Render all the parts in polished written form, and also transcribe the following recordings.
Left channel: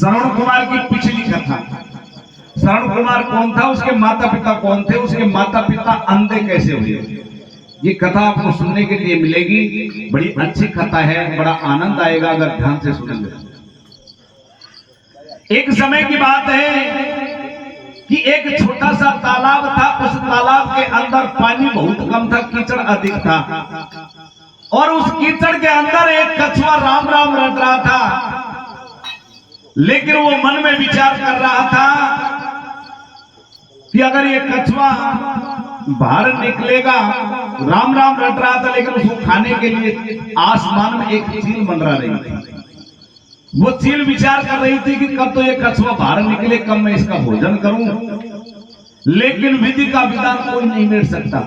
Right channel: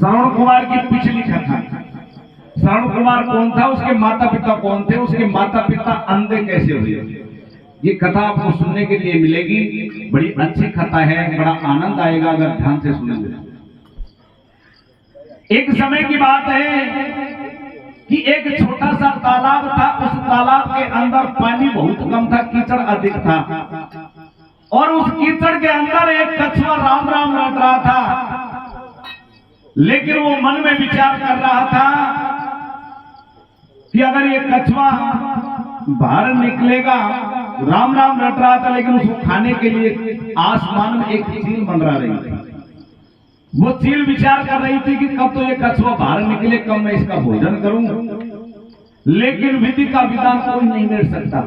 श्रवण कुमार की पिछली कथा। श्रवण कुमार कौन था, उसके माता पिता कौन थे, उसके माता पिता अंधे कैसे हुए, ये कथा आपको सुनने के लिए मिलेगी। बड़ी अच्छी कथा है, बड़ा आनंद आएगा अगर ध्यान से सुनेंगे। एक समय की बात है कि एक छोटा सा तालाब था। उस तालाब के अंदर पानी बहुत कम था, कीचड़ अधिक था, और उस कीचड़ के अंदर एक कछुआ राम राम रट रहा था। लेकिन वो मन में विचार कर रहा था कि अगर ये कछुआ बाहर निकलेगा, राम राम रट रहा था, लेकिन उसको खाने के लिए आसमान में एक चील मंडरा रही थी। वो चील विचार कर रही थी कि कब तो ये कछुआ बाहर निकले, कब मैं इसका भोजन करूं। लेकिन विधि का विधान कोई नहीं मेट सकता,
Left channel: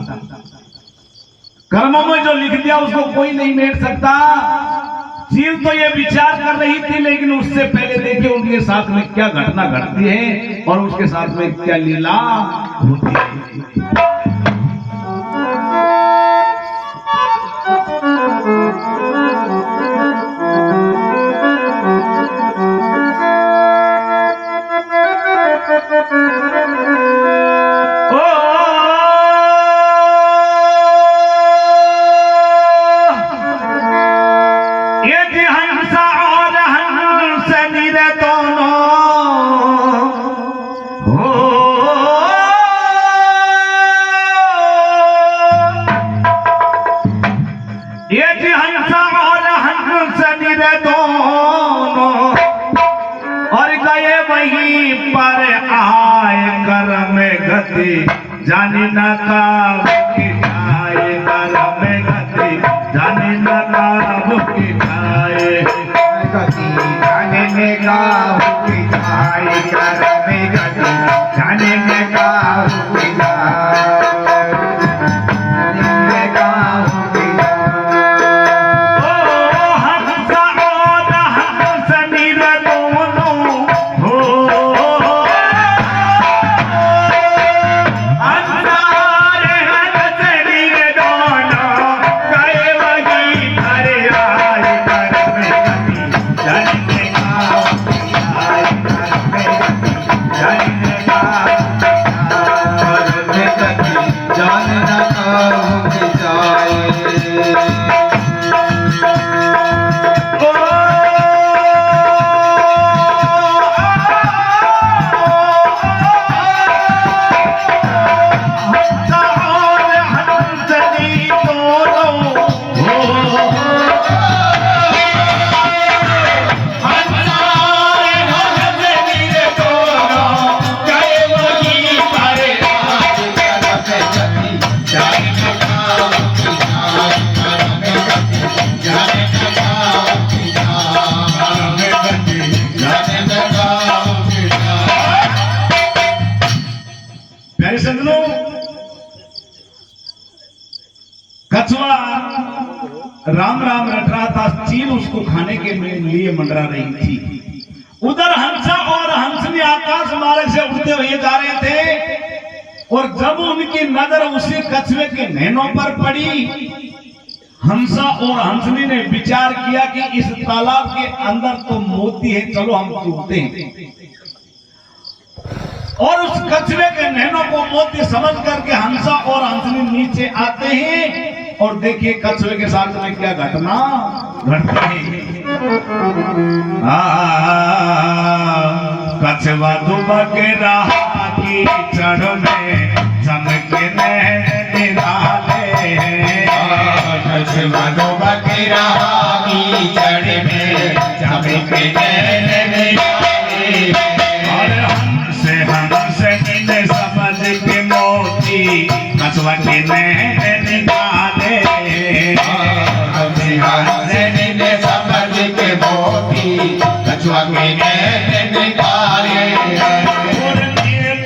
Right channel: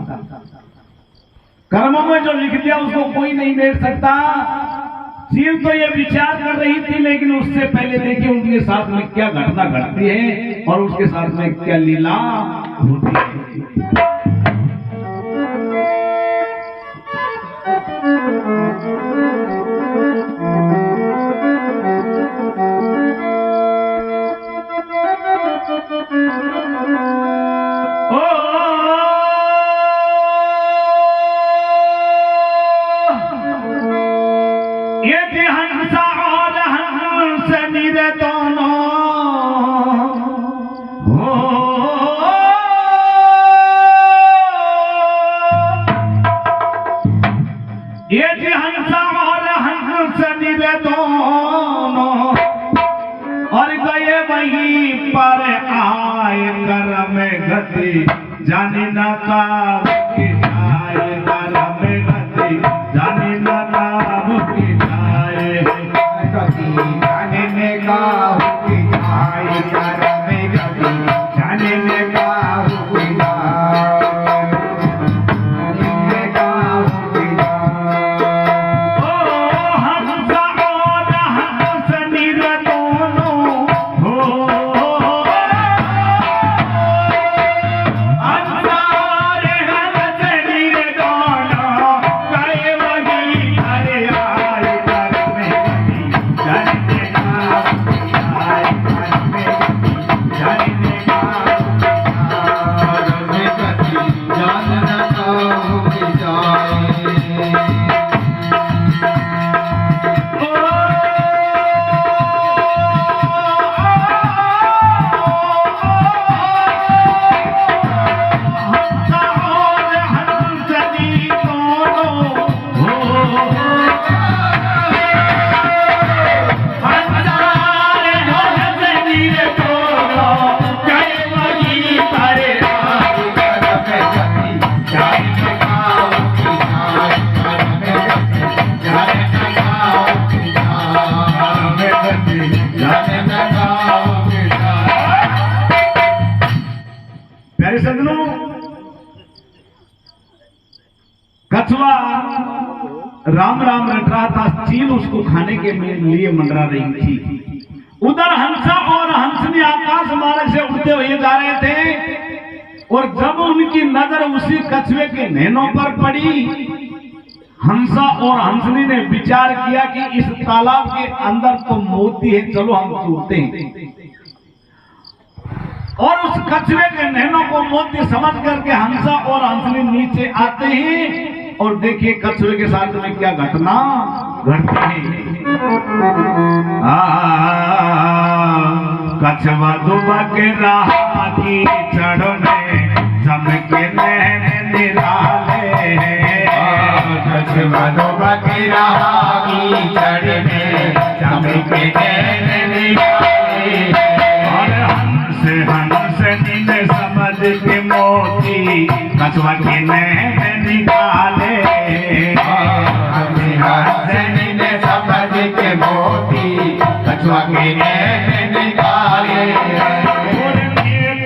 कर्मों में जो लिख दिया उसको कोई नहीं मेट सकता। चील तो ये विचार कर रही थी, लेकिन उससे पहले देखिए उनके साथ में क्या घटना घटती है और उसके साथ में क्या लीला होती है। जाने न काब की जाए कर में गति, जाने न काब की जाए गति, जाने न काब की जाए कर में गति, जाने न काब की जाए, जाने न काब की जाए। ओ हमसा और हमस मीर दोनों हो, कछुआ राम राम रट रहा था, चील उसको खाने के लिए मंडरा रही थी। उधर हंसा और हंसनी आकाश मार्ग से उड़ते हुए जा रहे थे, और जब उनकी नजर उसी कछुए के नैनों पर पड़ी, हंसा और हंसनी ने विचार किया कि इस तालाब के अंदर तो मोती है, चलो हम छूटते हैं। और उस कछुए के नैनों को मोती समझ करके हंसा और हंसनी नीचे आते हैं, और देखिए कछुए के साथ में क्या घटना घटती है। कछुआ दुबा के रहा की चढ़ में चमके नैन निराले, कछुआ दुबा के रहा की चढ़ में चमके नैन निराले, और हंसनी ने समझ के मोती कछुआ के नैन निकाले, हंसनी ने समझ के मोती कछुआ के नैन निकाले। और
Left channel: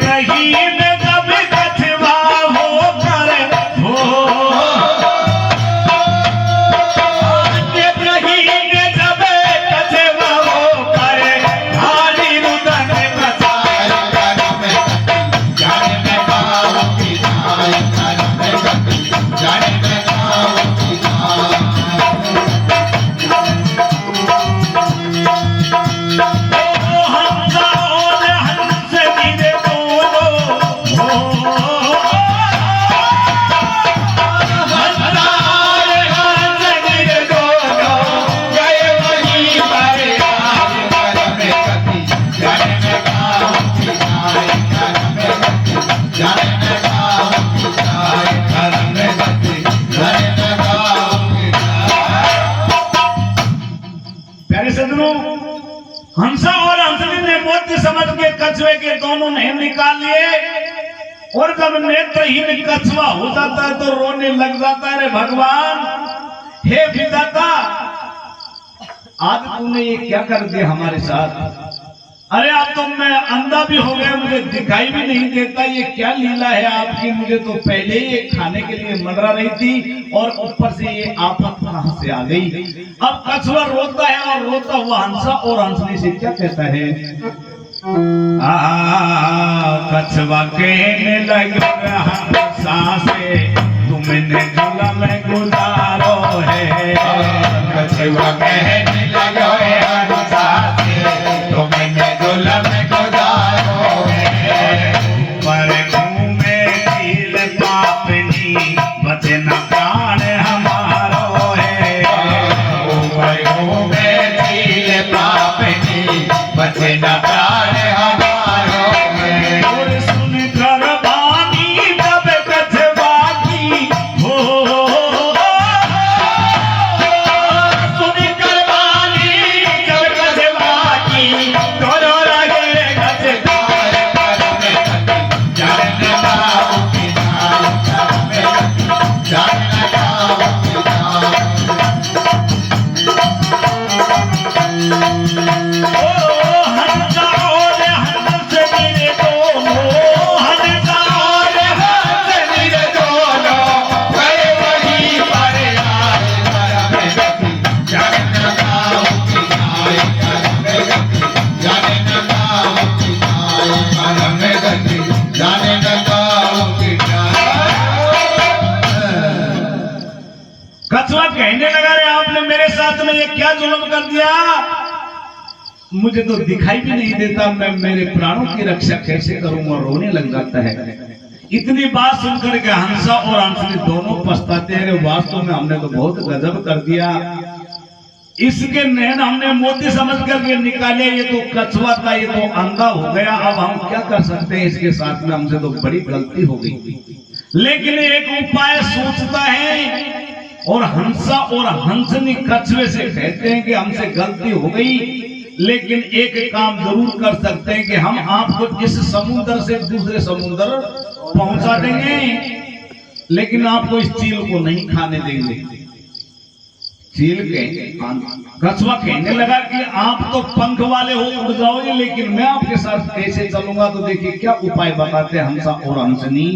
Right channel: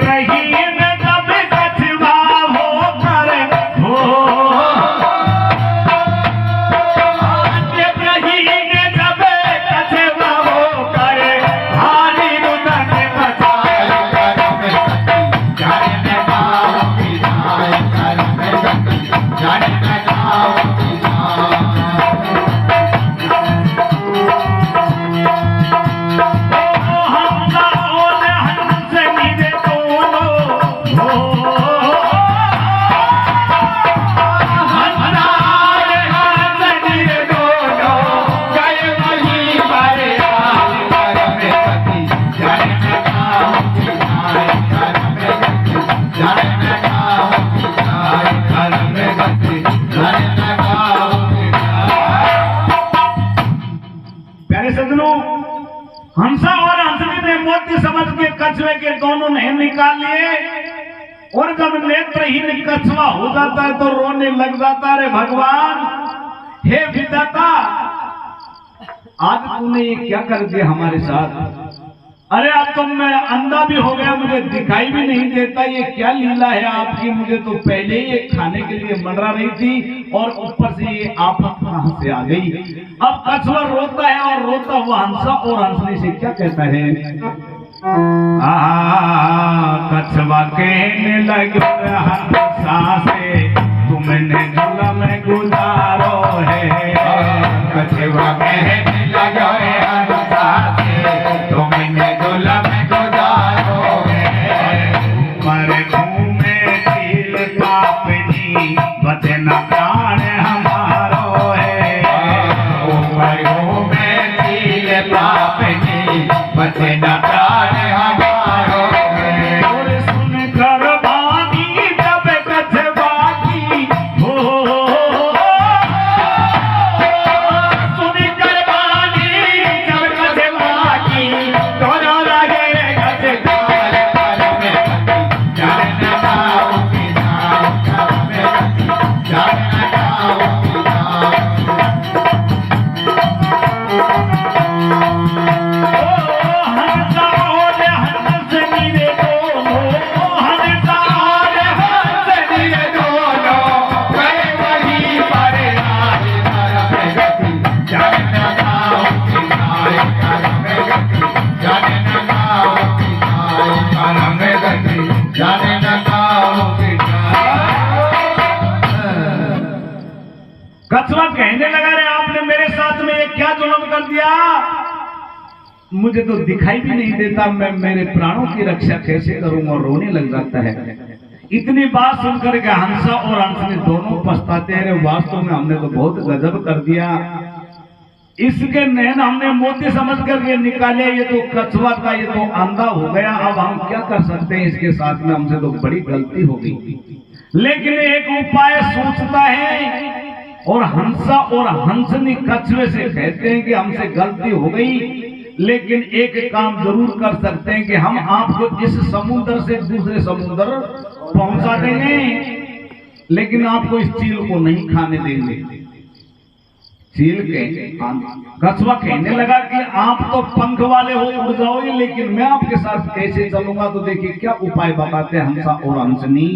रही जब कछुआ होकर हो कछुए के दोनों नैन निकाल लिए और जब नेत्रहीन कछुआ हो जाता है तो रोने लग जाता है, रे भगवान, हे विधाता, आज तूने ये क्या कर दिया हमारे साथ? अरे अब तो मैं अंधा भी हो गया, मुझे दिखाई भी नहीं देता, ये क्या लीला है आपकी? मुझे तो पहले ही खाने के लिए मंडरा रही थी और ऊपर से ये आफत कहां से आ गई? अब कछुआ रोता है और रोता हुआ हंसा और हंसने से क्या कहता है? कछुआ कहने लगा हंसा से तुमने जुलम गुजारो है। कछुआ कहने लगा हंसा से तुमने जुलम गुजारो है। पर मुंह में चील पापनी बचे न प्राण हमारो है। ऊपर मुंह में चील पापनी बचे न प्राण हमारो है। और सुनकर वाणी तब कछुआ की हो, सुनकर वाणी जब कछुआ की दोनों लगे कछुआर पर में जाने पाऊंगी जान में जाने पाऊंगी हंसा और हंस मेरे दोनों, हंसा और हंस मेरे दोनों गए वहीं पर आए कर में जाने पाऊंगी कर में जाने पाऊंगी कर में जाने पाऊंगी। कछुआ कहने लगा, रे आपने मेरे साथ में ये क्या जुल्म कर दिया? मुझे तो दिखाई भी नहीं देता, मैं मेरे प्राणों की रक्षा कैसे करूंगा? और रोने लग जाता है। इतनी बात सुनकर के हंसा और हंसनी दोनों पछताते हैं, वास्तव में हमने तो बहुत गजब कर दिया। इसके नैन हमने मोती समझ करके निकाले, ये तो कछुआ था, ये तो अंधा हो गया, अब हम क्या कर सकते हैं इसके साथ में? हमसे तो बड़ी गलती हो गई। लेकिन एक उपाय सोचता है और हंसा और हंसनी कछुए से कहते हैं कि हमसे गलती हो गई, लेकिन एक काम जरूर कर सकते हैं कि हम आपको इस समुद्र से दूसरे समुद्र पहुंचा देंगे, लेकिन आपको इस चील को नहीं खाने देंगे। चील के कछुआ कहने लगा कि आप तो पंख वाले हो, उड़ जाओगे, लेकिन मैं आपके साथ कैसे चलूंगा? तो देखिए क्या उपाय बताते हैं हंसा और हंसनी।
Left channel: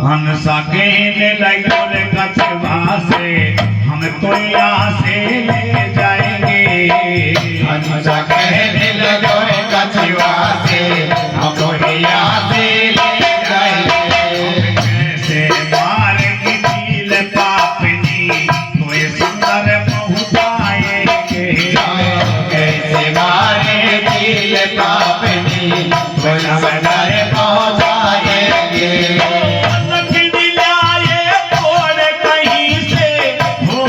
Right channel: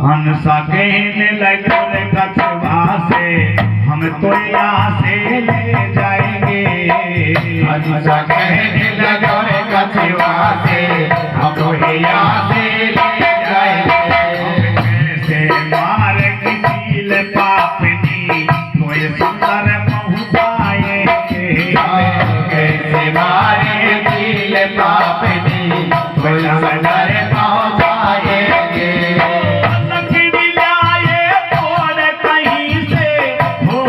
हंसा कहने लगे कछुआ से हम तो यहाँ से ले जाएंगे। हंसा कहने लगा कछुआ से हम तो यहाँ से ले जाएंगे। कैसे मार की चील पापनी मोए सुंदर पहुँचाएंगे। कैसे मारे चील पापनी सुंदर पहुँचाएंगे। लकड़ी लाए तोड़ कहीं से हो,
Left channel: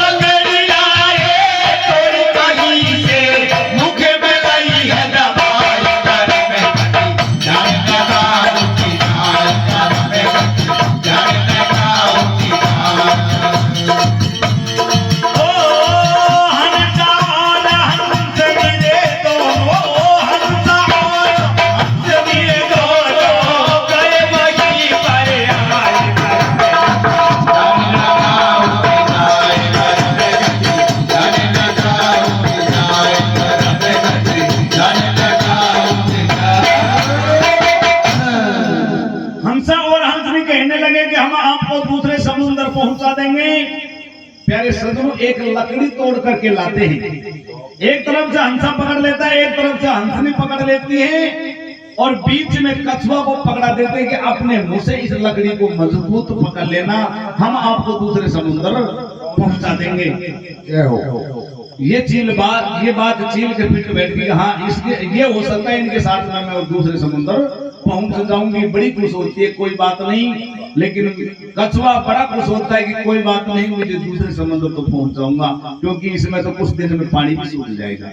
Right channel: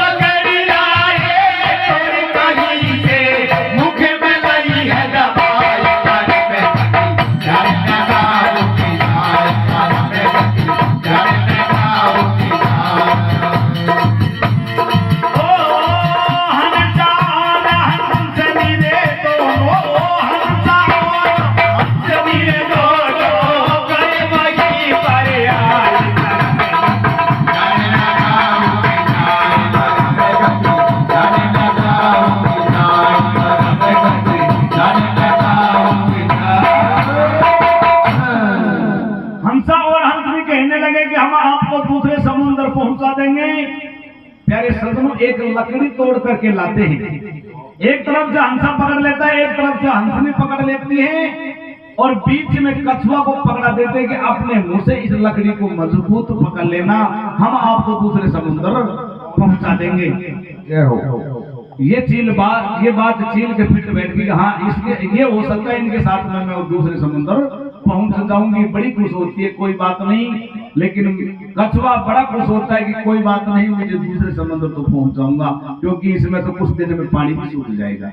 लकड़ी लाए तोड़ कहीं से, मुख में लगी है दबाई कर में जाने पाऊंगी कर में जाने पाऊंगी। ओ हंसा और हंस मेरे दोनों, हंसा और हंस मेरे दोनों गए वहीं पर आए कर में। हंसा और हंसनी कहने लगे कि हम आपको दूसरे समुद्र पहुंचा देंगे। प्यारे सज्जनों, एक लकड़ी तोड़ करके लाते हैं, एक तरफ से हंसा पकड़ लेता है, एक तरफ से हंसनी पकड़ लेती है और बीच में कछुआ को पकड़ा देते हैं कि अपने मुंह से इस लकड़ी को मजबूत पकड़ लेना, हम आपको दूसरे समुद्र पहुंचा देंगे। ये बात चील के पीठ बैठ गई। हाँ, इसके ये हो सकता है इनके साथ में मैं दूसरे समुद्र पहुंच जाऊंगी। बड़ी खुश होती है, कोई बात नहीं, लेकिन कछुआ बड़ा खुश होता है कि कोई बात नहीं, मुझे दूसरे समुद्र तो पहुंच जाऊंगा, क्योंकि इसमें तो कुछ दिन में पानी भी सूख जाएगा।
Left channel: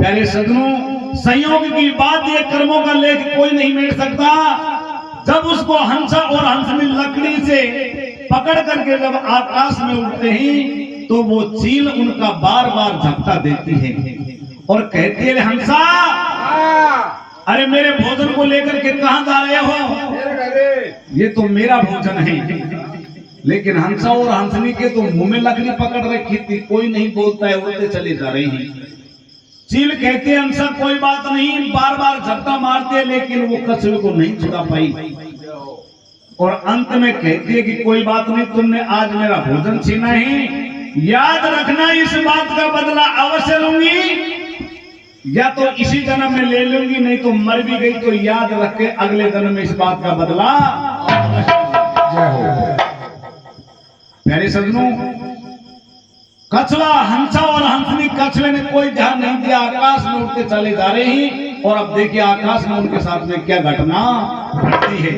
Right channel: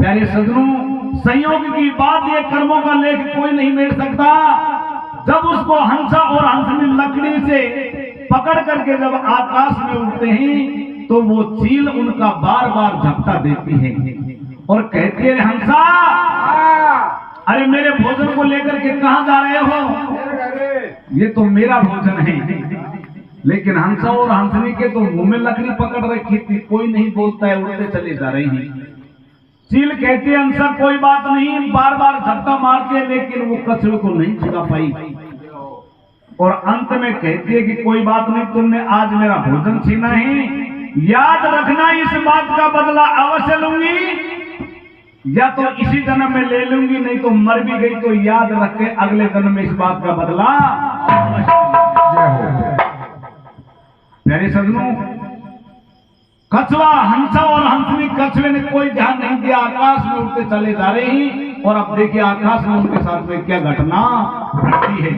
प्यारे सज्जनों, संयोग की बात, ये कर्मों का लेख कोई नहीं मिट सकता। जब उसको हंसा और हंसनी लकड़ी से पकड़ करके जब आकाश में उड़ते हैं तो वो चील उनका बार बार झपटा देती है और कहती है, हंसा अरे मेरे भोजन को लेकर के कहां जा रहे हो? ये तो मेरा भोजन है। लेकिन हंसा और हंसनी के तो मुंह में लकड़ी पकड़ रखी थी, कोई नहीं बोलता है, उड़ते चले जा रहे हैं। चील कहती है, हंसा कोई बात नहीं, बार बार झपटा मारते हैं लेकिन वो कछुए को नहीं छुड़ा पाई। और अंत में कहती है कि कोई बात नहीं, तुमने आज मेरा भोजन छीना है, याद रखना इस बात का बदला अवश्य लूंगी, या तो इसी जन्म में ले लूंगी, नहीं तो मर भी गई तो याद रख के अगले जन्म में इस बात का बदला अवश्य। प्यारे सज्जनों, कछुआ, हंसा और हंसनी, कछुए ने कोई ध्यान नहीं दिया, आकाश में उड़ते चले जा रहे हैं। और अब देखिए आकाश में उनके साथ में क्या घटना घटती है।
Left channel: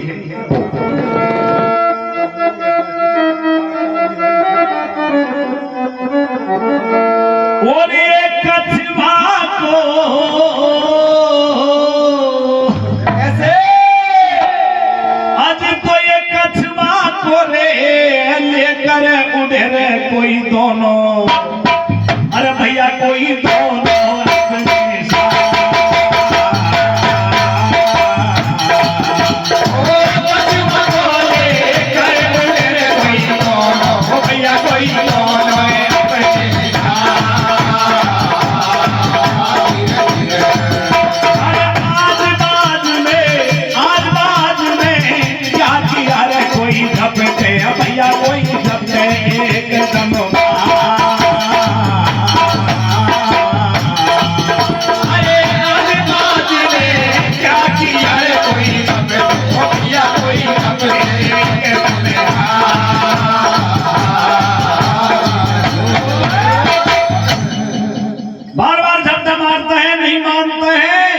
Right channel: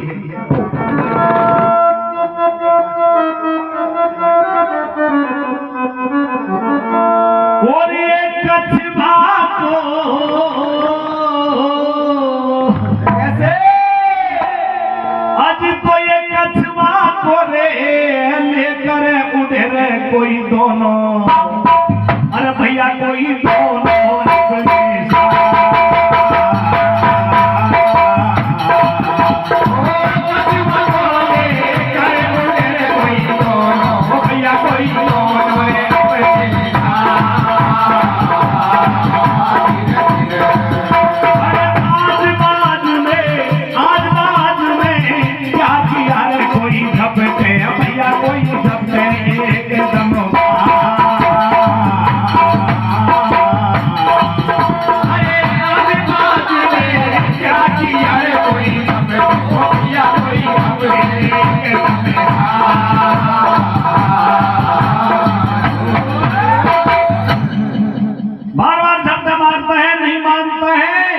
और ये कछुआ को कैसे आज तो ये कछुआ को रे लेकर उड़े रे कोई दोनों, अरे भैया कोई दोनों अपने साथ। ओ कछुआ को लेकर उड़े रे कोई दोनों, ओ भैया कोई दोनों अपने साथ। आज बाजू में क्या किया रे कोई झपटे, भैया कोई झपटे एकदम। अरे आज बाजू में क्या किया रे कोई झपटे, ओ भैया कोई झपटे बार बार झपटे मारते हैं, नहीं मानते हैं,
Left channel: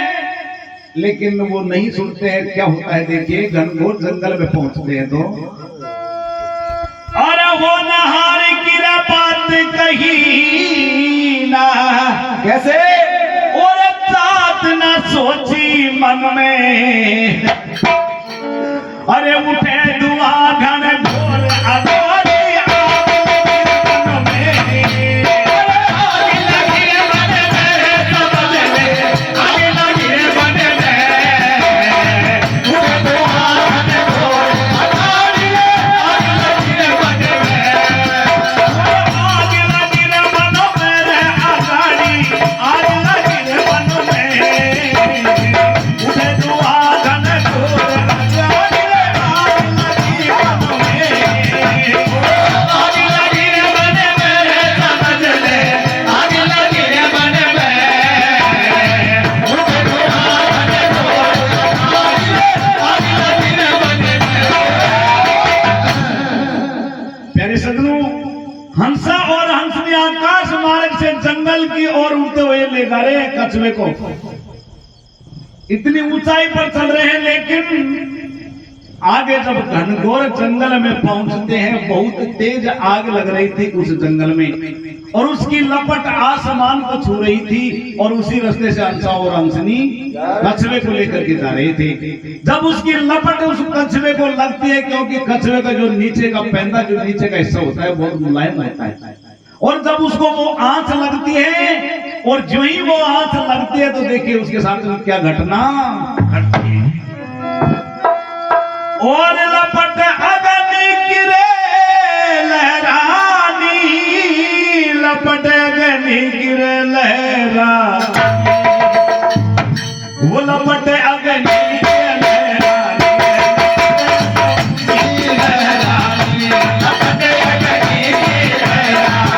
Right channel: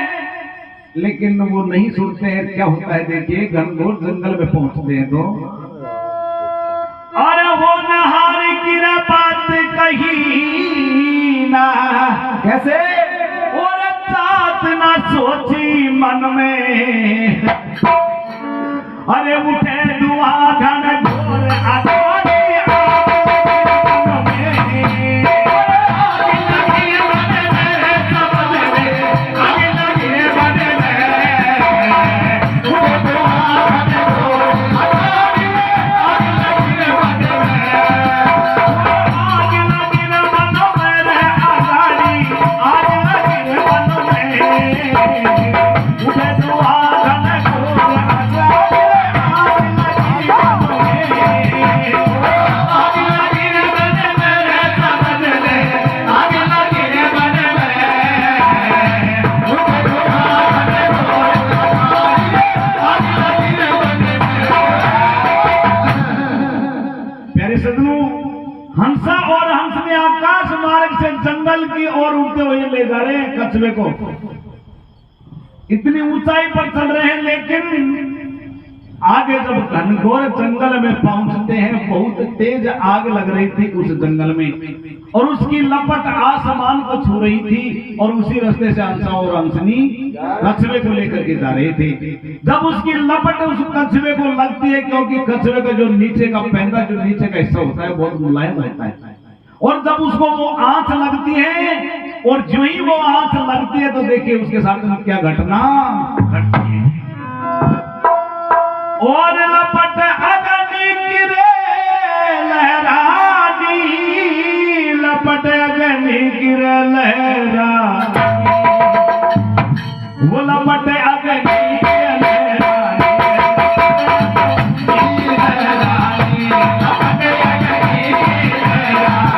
लेकिन वो नहीं सुनते हैं। क्या होता है देखिए, घनघोर जंगल में पहुंचते हैं तो अरे वो नहार की बात कही ना, कैसे और जात ना सोची मन में, अरे उठे धुआं घनघोर अगाड़ी मन में। आग लगी मन में, समझ ले, आग लगी मन में, उठे धुआं घनघोर अगाड़ी, आग लगी मन में, आग लगी मन में रे अगाड़ी, आग लगी मन में, उठे धुआं घनघोर अगाड़ी, आग लगी मन में, आग लगी मन में, समझ ले, आग लगी मन में, उठे धुआं घनघोर अगाड़ी, आग लगी मन में। प्यारे सज्जनों, हंसा और हंसनी आकाश मार्ग से जंगल की ओर उड़ते हुए ले जा रहे हैं कछुए को। इतनी ऊंचाई पर चल रहे हैं, लेकिन आगे जब घनघोर जंगल में पहुंचते हैं, बहुत तेज आग लग रही थी उस जंगल में और उसकी लपट आसमान को छू रही थी। और उसी रास्ते से हंसा और हंसनी कछुए को लेकर के जा रहे थे। जब उसकी लपट उस कछुए को लगती है, क्योंकि कछुए का जो नीचे का पैंदा, जो नीचे का हिस्सा होता है, बहुत मुलायम होता है, और जब उसको वो आंच लगती है, और जो ही वो आंच लगती है तो देखिए उसके साथ में क्या घटना घटती है। और लपट अग्नि गिरे लहरानी, लपट अग्नि गिरे लहरा, वो लपट अग्नि गिरे लहरानी, लपट अग्नि गिरे लहरानी,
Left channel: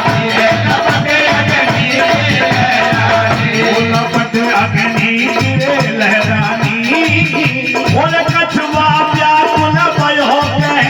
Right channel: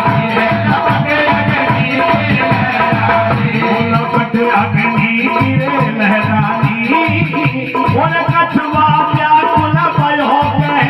वो लपट अग्नि गिरे लहरानी। और कछुआ व्याकुल भयो कहे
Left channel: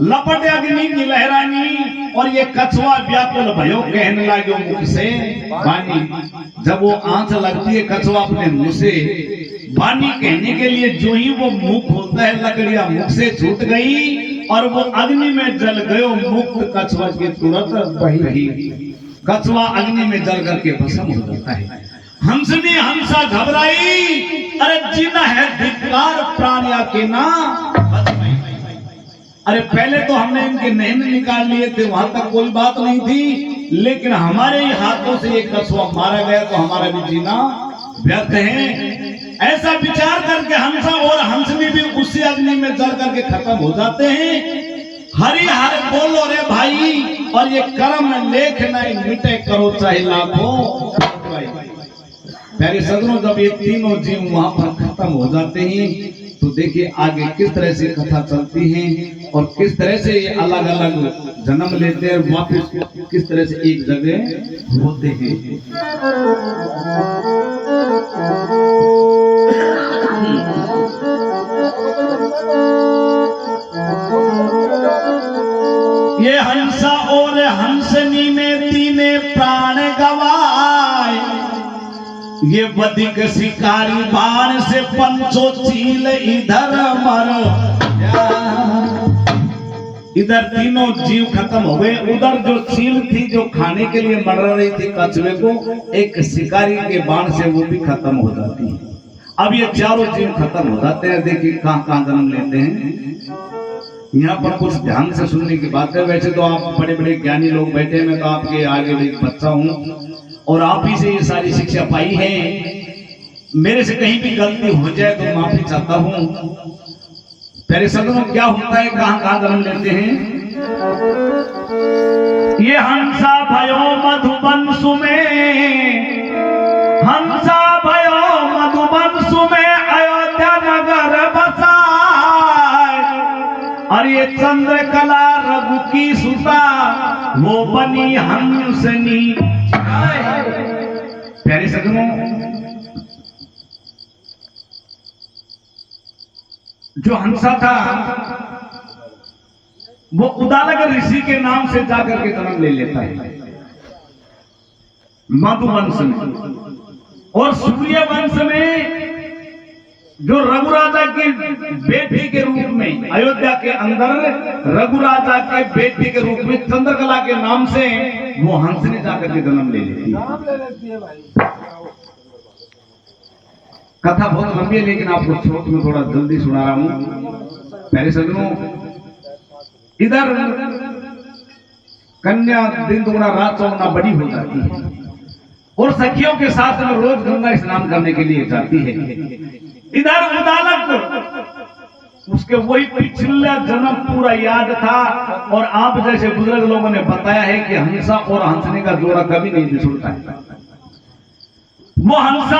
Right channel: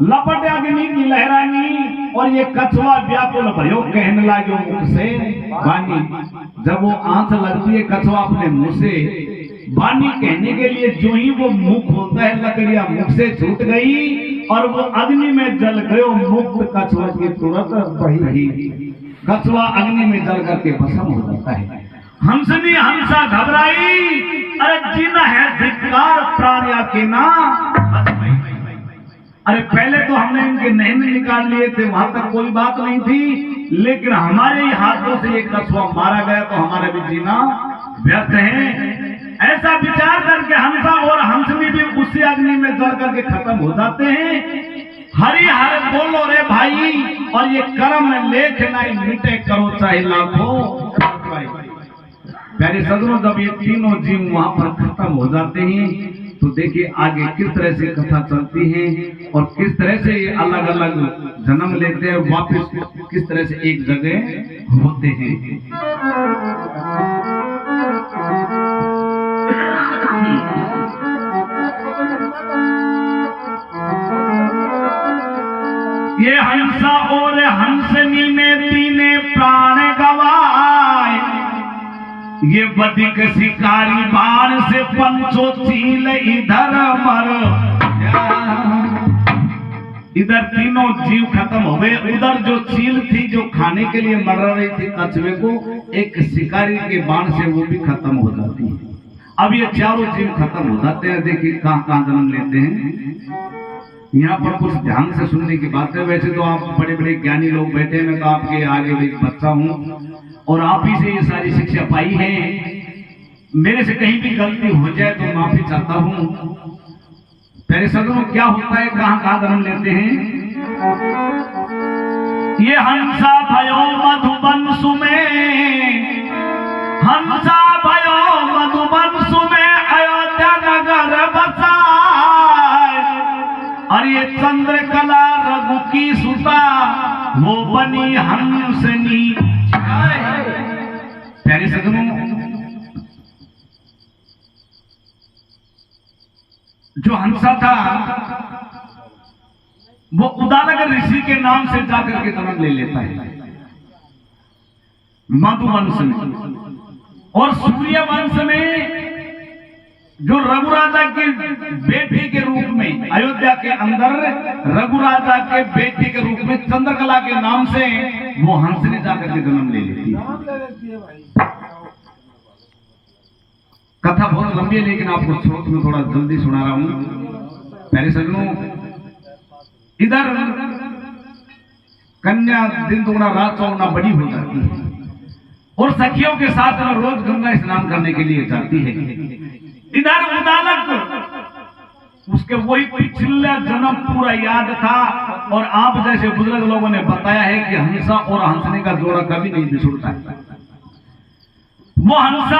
लपट अग्नि की लहरानी और ये कछुआ व्याकुल भयो कहने लगे मुख से बानी। जब वो आंच लगती है कछुआ अपने मुंह से, बानी कहने के लिए जो ही वो मुख खोलता है लकड़ियां मुख से छूट गई और वो अग्नि में जल गयो। मुक्त कछुआ की तुरंत बही, कछुआ अग्नि में जल करके भस्म हो जाता है। हंसनी हंसा घबराई, अरे जिन है धिक्कार प्राणिया के ना। अरे पहले तो हमने इनके नैन निकाल लिए थे, वहां तक कोई बात नहीं थी, लेकिन हमारे ही हाथों से एक कछुआ मारा गया तो हमारा भी जीना व्यर्थ है। ऐसा विचार करके हंसा और हंसनी भी उसी अग्नि में जल करके खत्म हो जाते हैं। हरि हर बोलो रे भाई, और ये कर्म लेख नहीं मिटे करो चाहे लाखों। प्यारे सदनों, जब ये तीनों जीव वहां पर खत्म हो जाते हैं तो देखिए आगे किस तरह से कथा चलती है और किस तरह से ये अलग अलग जन्म लेते हैं, वापस किस तरह से एक जगह होते हैं। ये हंसा और हंसनी में तीने प्राण गवाए, ये बधिक शिकारी बाण से पंचो चील इधर मर। इधर तीनों जीव खत्म हो गए, उधर जो चील थी जो खाने के लिए मर रही थी कछुए को, एक शिकारी के बाण से वो भी खत्म हो जाती है। अब ये चारों जीव खत्म हो जाते हैं। देखिए कहां कहां जन्म लेते हैं। यहाँ पर कुछ ध्यान से सुनने की बात है। वैसे तो आप बड़े बड़े ज्ञानी लोग बैठे हैं, मैं तो आपके आगे भी बच्चा हूँ और आप ही से ये सारी शिक्षा पाई है। मेरे से कहीं भी गलती हो जाए तो माफी चाहता हूँ। पहले सदनों क्या होता है, कहां कहां जन्म लेते हैं। ये हंसा भयो मधुबंश में, हंसा भयो मधुबंश में अयोध्या नगर बसा। और ये चंद्रकला रघु की सुता, वो बनी हंसनी। प्यारे सदनों, जो हंसा था वो उदालक ऋषि के नाम से जाकर के जन्म ले लेता है मधुवंश में। और सूर्य वंश में जो रघुराजा की बेटी के रूप में अयोध्या के अंदर रघुराजा के बेटी के रूप में चंद्रकला के नाम से वो हंसनी जाकर के जन्म ले लेती है। कथा बहुत लंबी है लेकिन आपको स्रोत में थोड़ा जल्दी सुना रहा हूं। पहले सजनों, इधर कन्या दिन दुगना रात चौगुना बड़ी हो जाती है और सखियों के साथ में रोज गंगा स्नान करने के लिए जाती है। इधर उदालक उसके वही पिछला जन्म पूरा याद था और आप जैसे बुजुर्ग लोगों ने बताया है कि हंसा और हंसने का जोड़ा कभी नहीं बिछुड़ता है। वो हंसा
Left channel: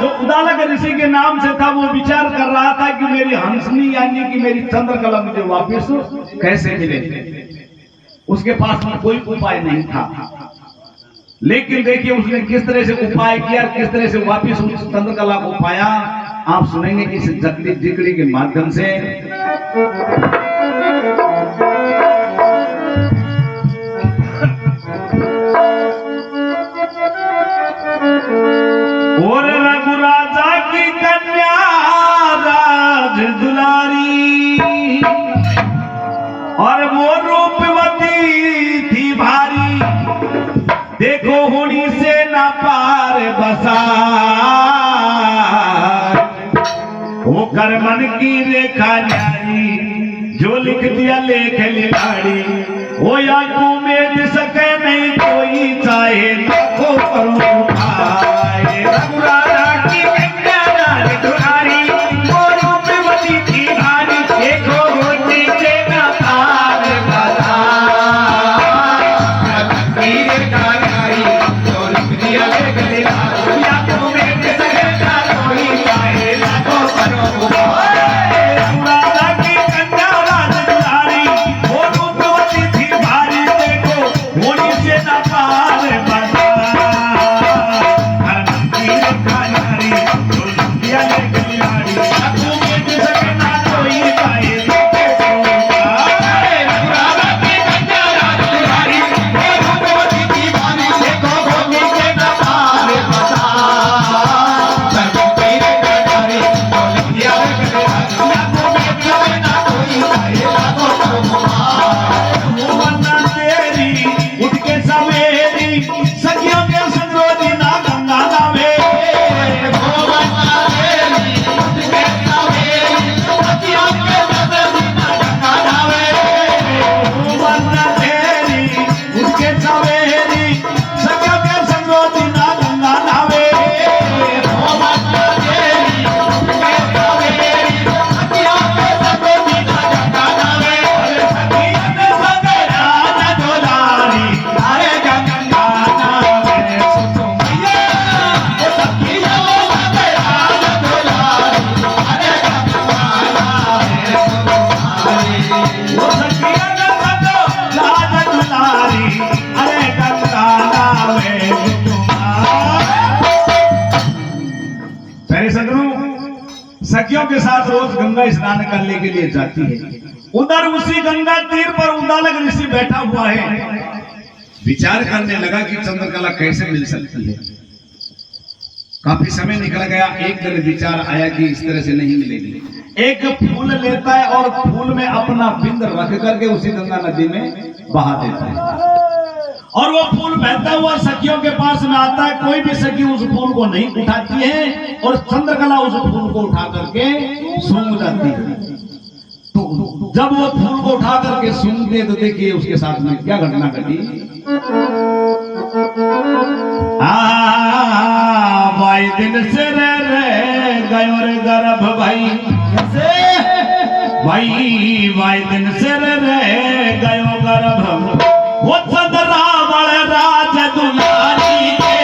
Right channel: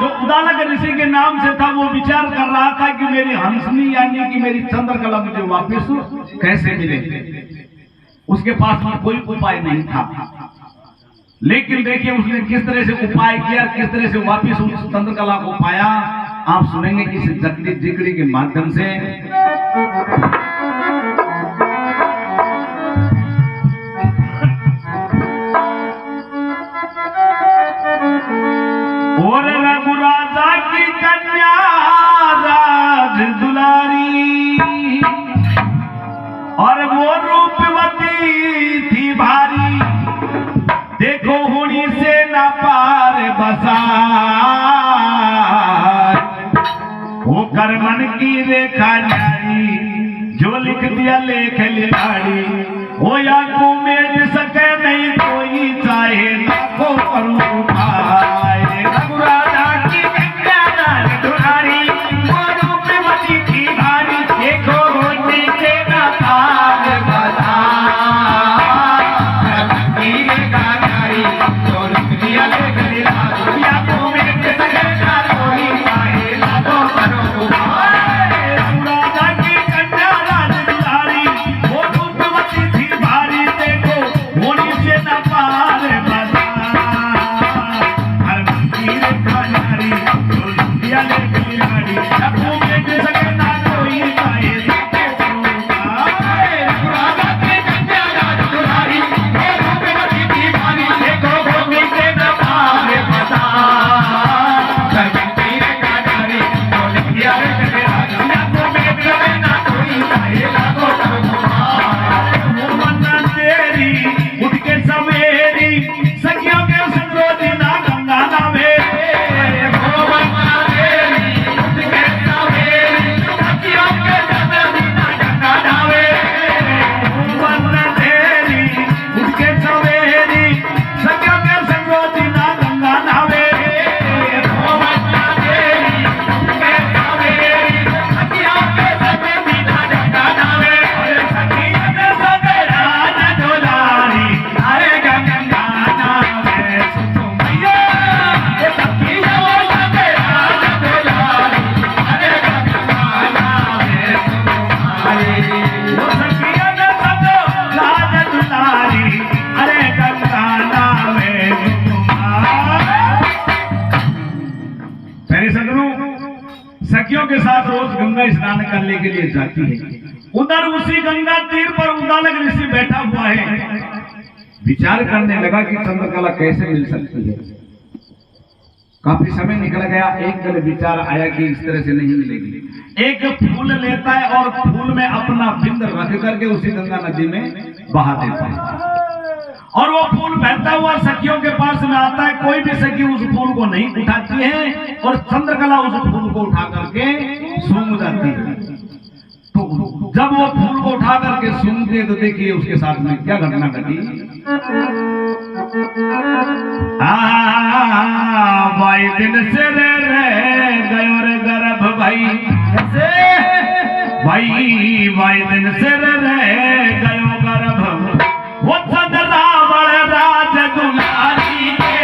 जो उदालक ऋषि के नाम से था वो विचार कर रहा था कि मेरी हंसनी यानी कि मेरी चंद्रकला मुझे वापस कैसे मिले। उसके पास में कोई उपाय नहीं था, लेकिन देखिए उसने किस तरह से उपाय किया, किस तरह से वापस उस चंद्रकला को पाया। आप सुनेंगे कि इस जगती जिकड़ी के माध्यम से। और रघुराजा की कन्या राज दुलारी और वो रूपवती थी भारी, देखो होड़ी से ना पार बसा। वो करमन की रेखा न्यारी जो लिख दिया लेख लिलाड़ी, वो या को मेट सके नहीं कोई चाहे लाखों करोड़ पाए। रघुराजा की कन्या राज दुलारी वो रूपवती थी भारी, देखो होड़ी से ना पार बसा। वो सखियों के साथ रोज गंगा स्नान करने के लिए जाती है। उधर उसी गंगा तीर पर उद्दालक ऋषि बैठा हुआ है, विचार करने लगा कि चंद्रकला कैसे मिल सकती है। काफी समय निकल गया, एक दिन विचार आया कि इस तरह से नहीं मिलेगी। एक फूल लेता है और फूल में अपना बिंद रख करके उसी गंगा नदी में बहा देता है और वो फूल बहता हुआ सखियों के पास में आता है। कोई भी सखी उस फूल को नहीं उठाती है और चंद्रकला उस फूल को उठा करके सूंघ जाती है। तो जब वो फूल को उठा करके सूंघते हैं तो देखिए उसके साथ में क्या घटना घटी। भाई दिन से रे गयो रे गर्भ भाई कैसे भाई दिन से रे गयो गर्भ वो सद रावण राज दुलारी के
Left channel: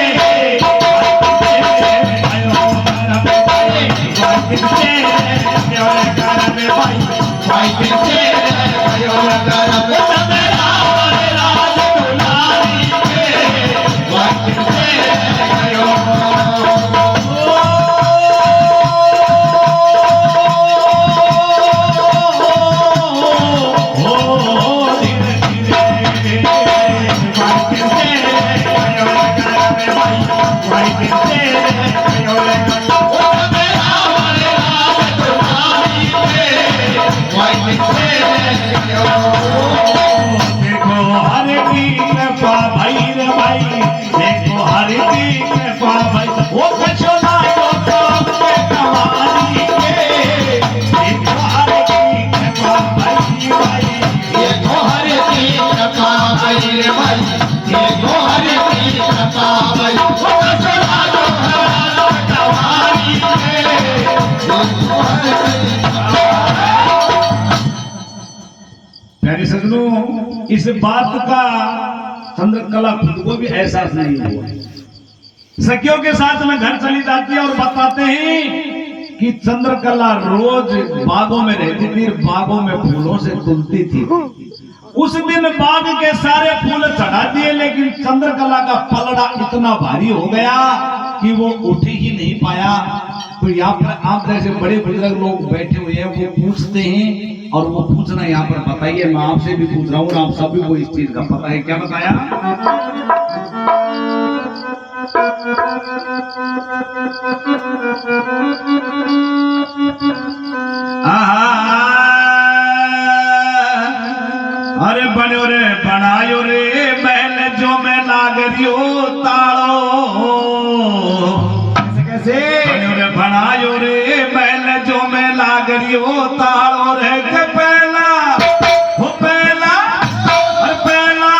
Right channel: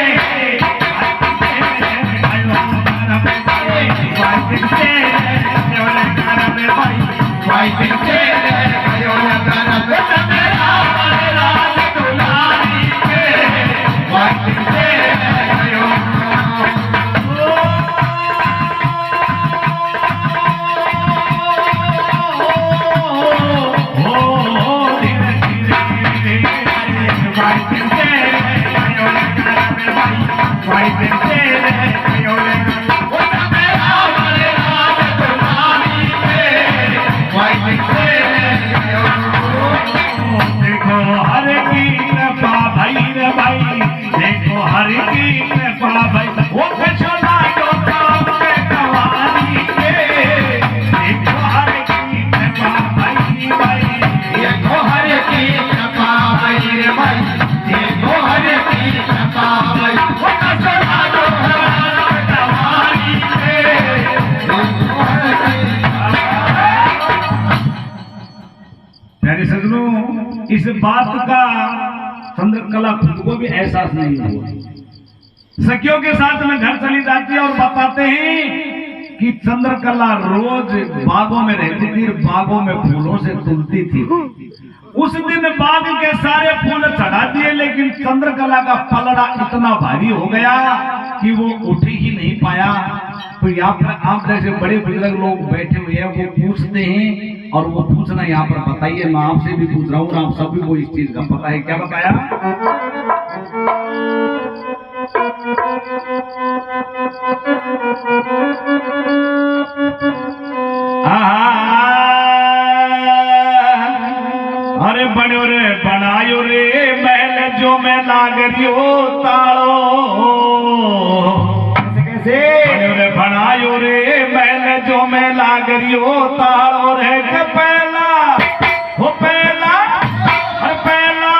इस बात का चंद्रकला खुद को भी एहसास नहीं हुआ। सखियों के साथ में घर चली जाती है और बताते हैं कि चंद्रकला रोज बागों में रहती थी, बागों में फूलों से तुलती थी। उस दिन बाग के सारे फूल चढ़ा दिए, लेकिन चंद्रकला का पलड़ा इतना भारी हो गया कि वो उठ ही नहीं पाया। तो यहाँ पर आप जैसे बड़े बुजुर्ग लोग बैठे हुए हैं, वो पूछते हैं और वो पूछना यहाँ पर बताइए। मैं आपसे भी पूछ रहा हूँ, आप सभी को इस चीज का पता है। क्या बताया? अरे बनो रे बनायो रे महल जो मैं लाग रियो तालो कैसे बनो रे बनायो रे महल जो मैं लाग रियो तालो रे के पहला हो पहला पहला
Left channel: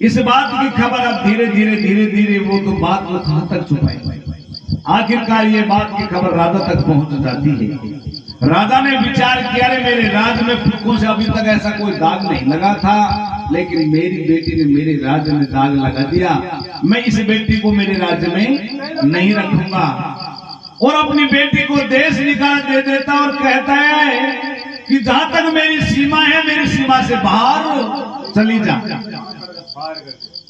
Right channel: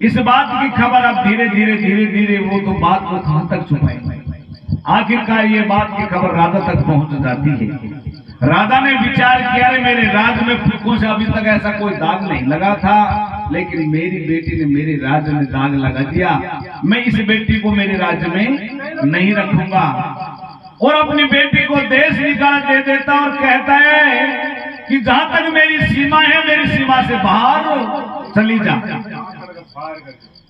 इस बात की खबर अब धीरे धीरे वो तो बात को कहां तक छुपाई। आखिरकार ये बात की खबर राजा तक पहुंच जाती है। राजा ने विचार किया, रे मेरे राज में फूकों से अभी तक ऐसा कोई दाग नहीं लगा था, लेकिन मेरी बेटी ने मेरे राज्य में दाग लगा दिया। मैं इस बेटी को मेरे राज्य में नहीं रखूंगा। और अपनी बेटी को देश निकाल दे देता और कहता है कि जहां तक मेरी सीमा है, मेरी सीमा से बाहर चली जा।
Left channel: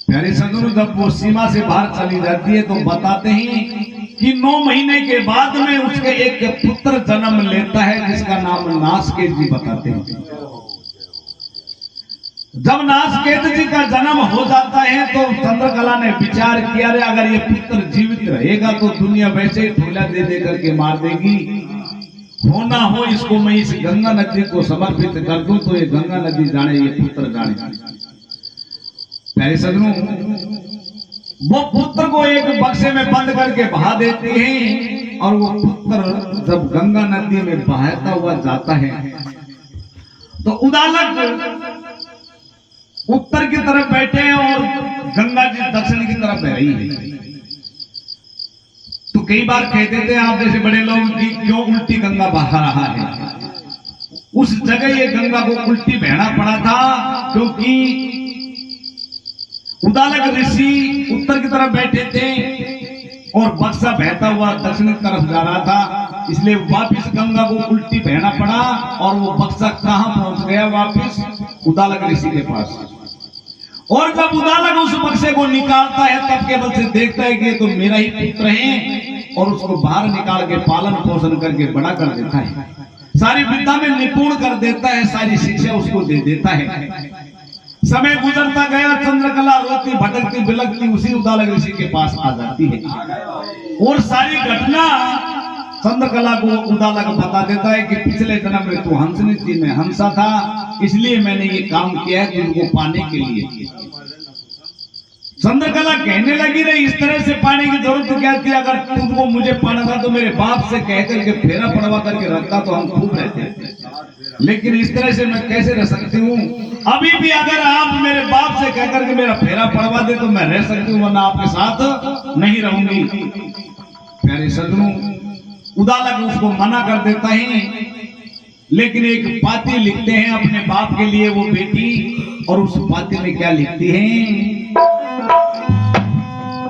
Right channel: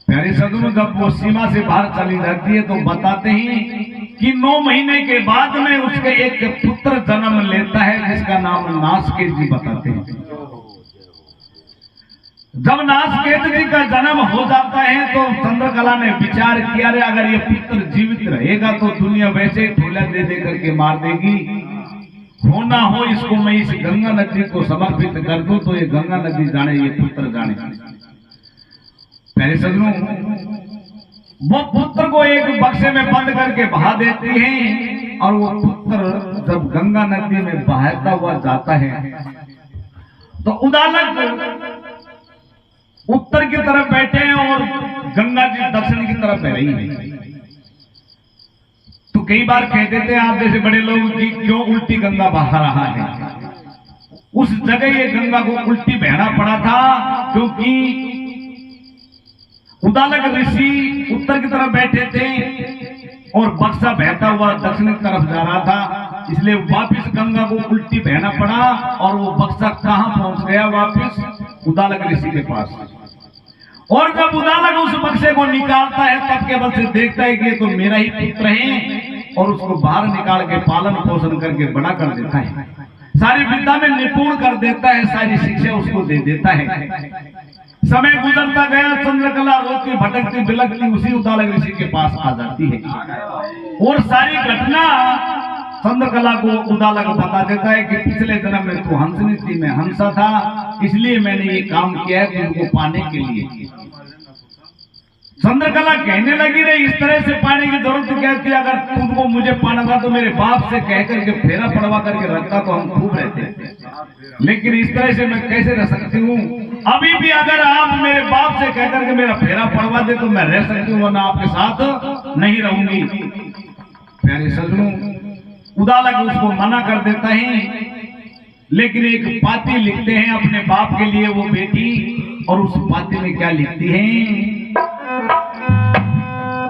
प्यारे सदगुरु, जब वो सीमा से बाहर चली जाती है तो बताते हैं कि 9 महीने के बाद में उसके एक पुत्र जन्म लेता है, जिसका नाम नासकेत जी बताते हैं। जब नासकेत जी का जन्म हो जाता है तो चंद्रकला ने विचार किया, रे अगर ये पुत्र जीवित रहेगा तो दुनिया वैसे ही ठोला दे दे करके मार देगी। हो ना हो इसको मैं इस गंगा नदी को समर्पित कर दूं तो ये गंगा नदी जाने, ये पुत्र जाने। मेरे सजनों, वो पुत्र को एक बक्से में बंद करके बहा देते हैं और वो पुत्र जब गंगा नदी में बहता हुआ जाता है तो उदालक उत्तर की तरफ बैठे हैं और गंगा जी दक्षिण की तरफ बह रही है। तो कई बार कहते थे आप जैसे बड़े लोग कि क्यों उल्टी गंगा बहा रहा है। उस जगह ये गंगा को उल्टी बहना पड़ा था क्योंकि उदालक ऋषि उत्तर की तरफ बैठे थे और बक्सा बहता हुआ दक्षिण की तरफ जा रहा था, इसलिए वापस गंगा को उल्टी बहना पड़ा और वो बक्सा कहां पहुंच गया, वापस उदालक ऋषि के पास। और जब उदालक उस बक्से को निकालता है तब केवल से देखता है कि तो मेरा ही पुत्र है और उसको बाहर निकाल के पालन पोषण करके बड़ा कर देता है, सारी विद्या में निपुण कर देता है, सारी शिक्षा उसको दे देता है। समय गुजरता गया, चंद्रकला रोती भटकती बिलकती उसी उदालक ऋषि के पास आ जाती है और सारी घटना चंद्रकला को उदालक बता देता है कि पिछले जन्म में तू हंसनी थी, मैं हंसा था, इसलिए मैंने ये काम किया है तुमको पाने के लिए। चंद्रकला कहने लगी रे इस तरह से पाने की जरूरत क्या थी, अगर तुमको मुझे पाना था तो मेरे बाप से कह करके फेरा पड़वा करके रखता तो हम खूब रहते, लेकिन इस तरह से मैं कैसे रह सकती हूँ। अभी भी अगर आप मेरे बाप से कह करके मेरा फेरा पड़वा दे तो मैं रह सकती हूँ, वरना आपके साथ नहीं रहूंगी। प्यारे सज्जनों, उदालक उसको मना कर देता है, लेकिन एक पाती लिखते हैं अपने बाप के लिए वो बेटी, और उस पाती में क्या लिखती है,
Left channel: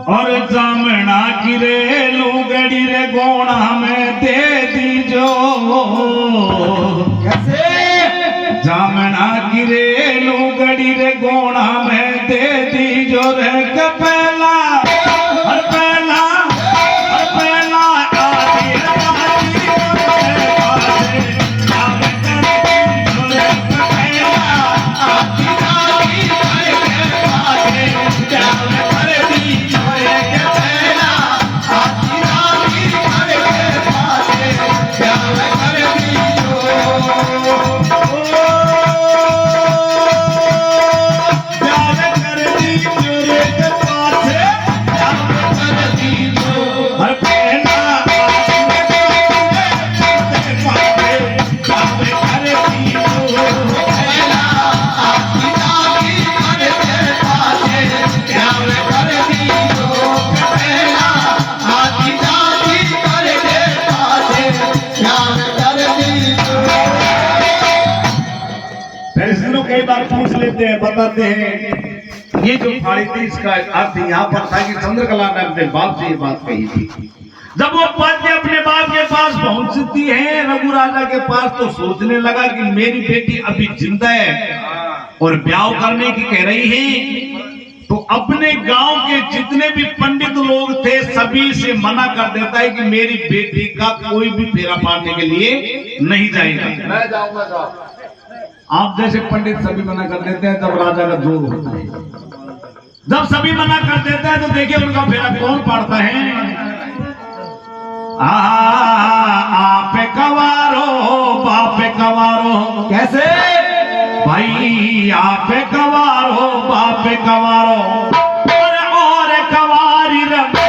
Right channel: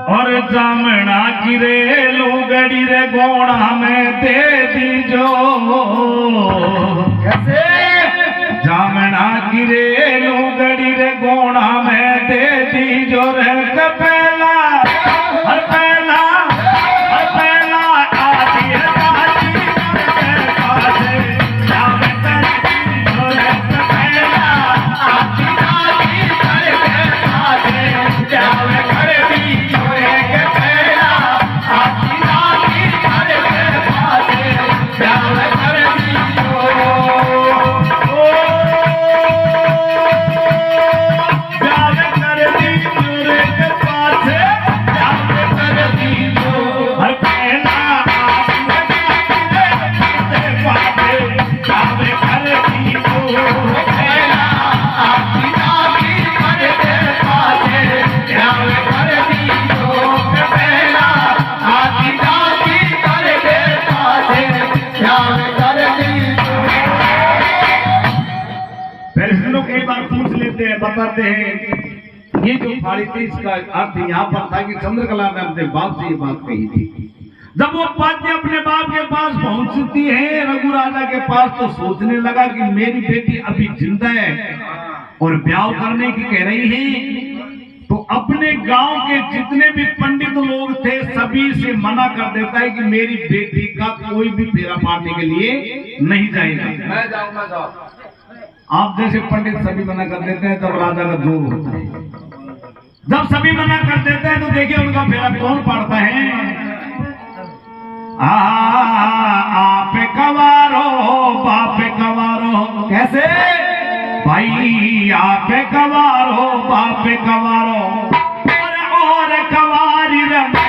और जामना की रे लुगड़ी रे गोणा में दे दीजो, कैसे जामना की रे लुगड़ी रे गोणा में दे दीजो रे कपैला हर पहला आती है कई बार पूछ लेते हैं, बताते हैं ये जो फाड़ी थी इसका अर्थ यहाँ पर था कि चंद्रकला ने अपने बाप से ये बात कही थी। जब वो पाती अपने बाप के पास पहुंचती है रघु राजा के पास, तो सोचने लगा कि मेरी बेटी अभी जिंदा है और ब्याह करने की कह रही है, तो अपने गांव के जितने भी पंडित लोग थे सभी से मना कर देता है कि मेरी बेटी का कोई भी फेरा पाड़ने के लिए नहीं जाएगा, मैं जाऊंगा। आप जैसे पंडित सभी मना कर देते हैं तब राजा का जोर होता है। जब सभी मना कर देते हैं तो देखिए उनका फेरा कौन पाड़ता है, आप कवारो बाप कवारो, कैसे भाई आप कवारो बाप कवारो और कवारी रमे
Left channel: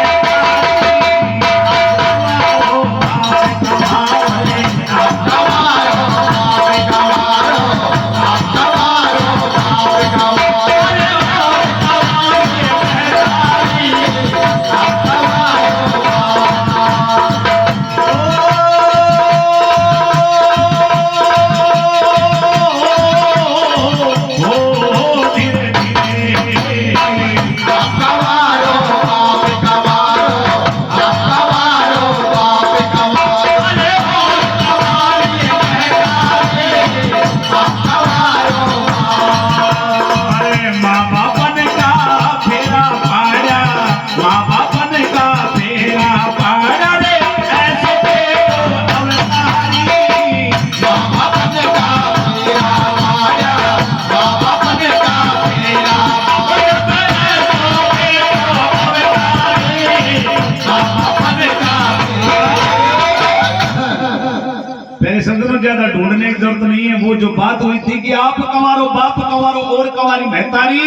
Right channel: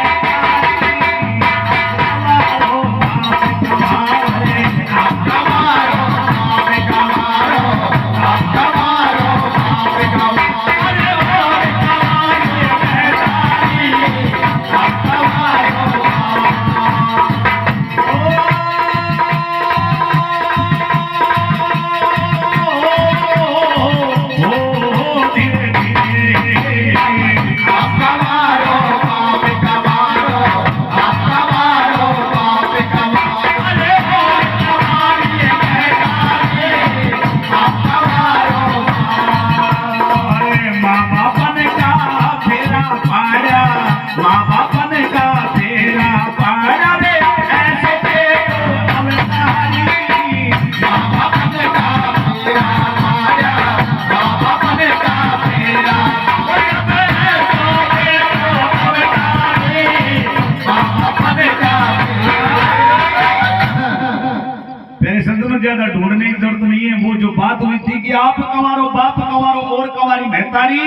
ज्यादा ढूंढने की जरूरत नहीं है। वो जो बात हुई थी कि आप कवारो बाप कवारो और कवारी महतारी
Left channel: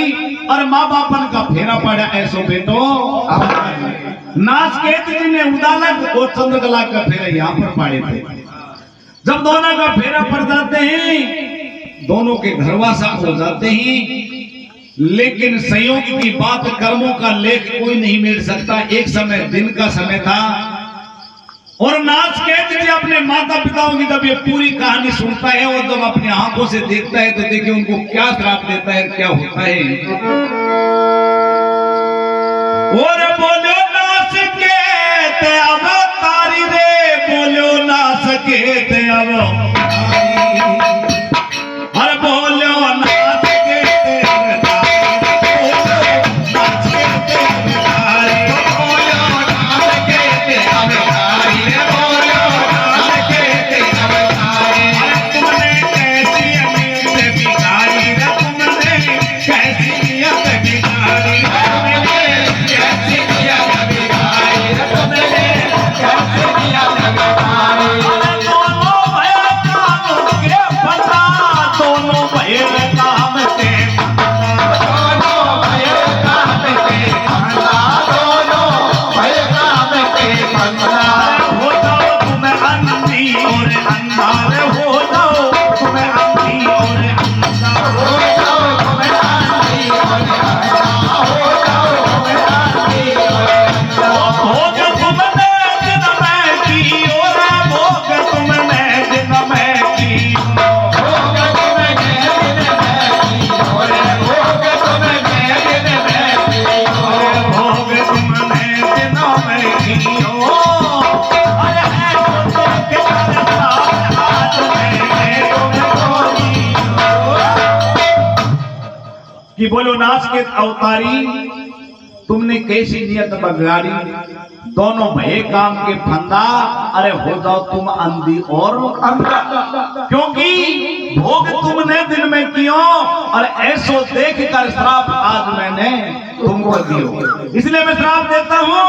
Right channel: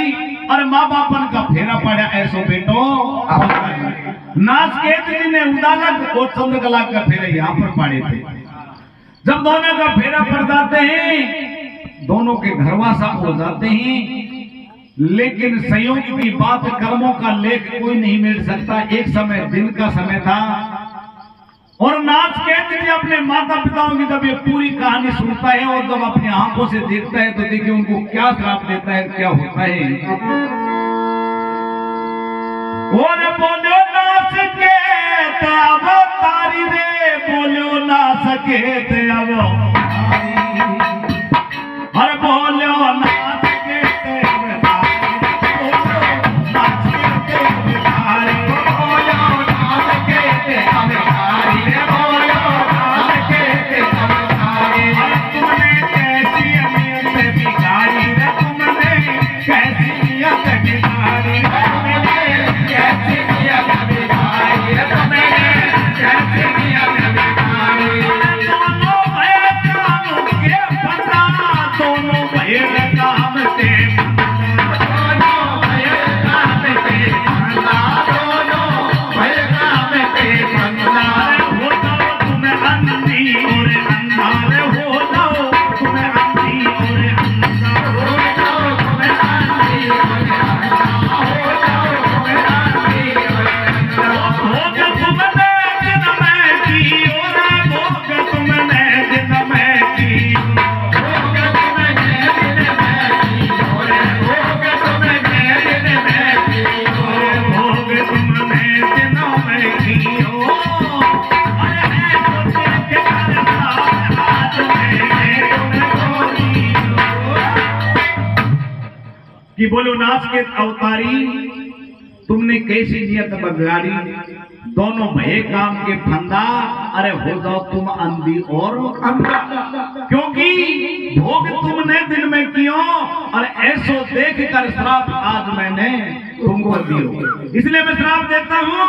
और माँ बापन का फेरा पड़ा ऐसो बेटो। नासकेत जी ने उदालक और चंद्रकला का फेरा यहाँ पर पाड़े थे। जब दोनों का फेरा पड़ जाते हैं, दोनों के घरवासा हो जाते हैं, लेकिन संयोग की बात, कर्मों का लेख कोई नहीं मिल सकता। एक समय दिन का समय था और नासकेत जी अपने माता पिताओं की जब ये पूरी कहानी सुनता है और जब अपनी आंखों से देखता है तो देखिए उनको क्या श्राप देता है, क्या होता है। और बोलो नासकेत अब तारी रे, बोलो नासकेत अब हर बोलो नासकेत कि बोलो नासकेत अवतारी, तुमने कैसी नियत बगाड़ी, दोनों भय काम के फंदा, अरे हो जाओ तुम अंधी और अंधा, क्योंकि भोग तुमने दिन में कियो और ऐसो देख कर श्राप आज मैंने तुमको दियो। इसलिए मैं श्राप देता हूँ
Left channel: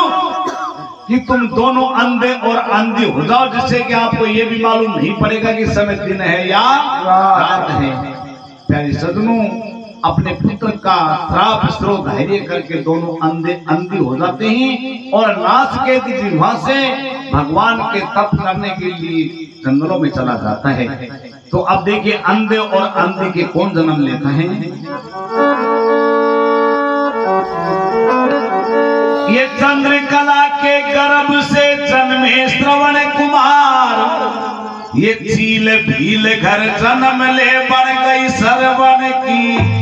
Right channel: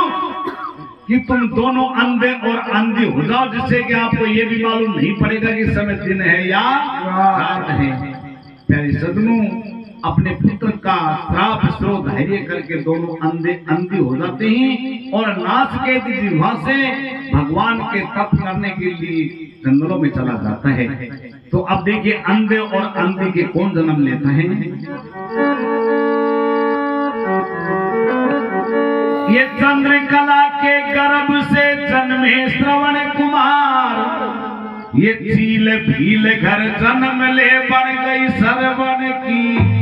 कि तुम दोनों अंधे और अंधी हो जाओ, जिससे कि आपको ये भी मालूम नहीं पड़ेगा कि समय दिन है या रात है। प्यारे सज्जनों, अपने पुत्र का श्राप स्रोत धैर्य करके दोनों अंधे हो जाते हैं और नासकेत जी वहां से भगवान के तप करने के लिए जंगलों में चला जाता है। तो अब देखिए अंधे और अंधी के कौन जन्म लेता है। ये चंद्रकला के गर्भ से जन्मे श्रवण कुमार, ये चील भील घर जन्म ले बढ़ गई सरवण की।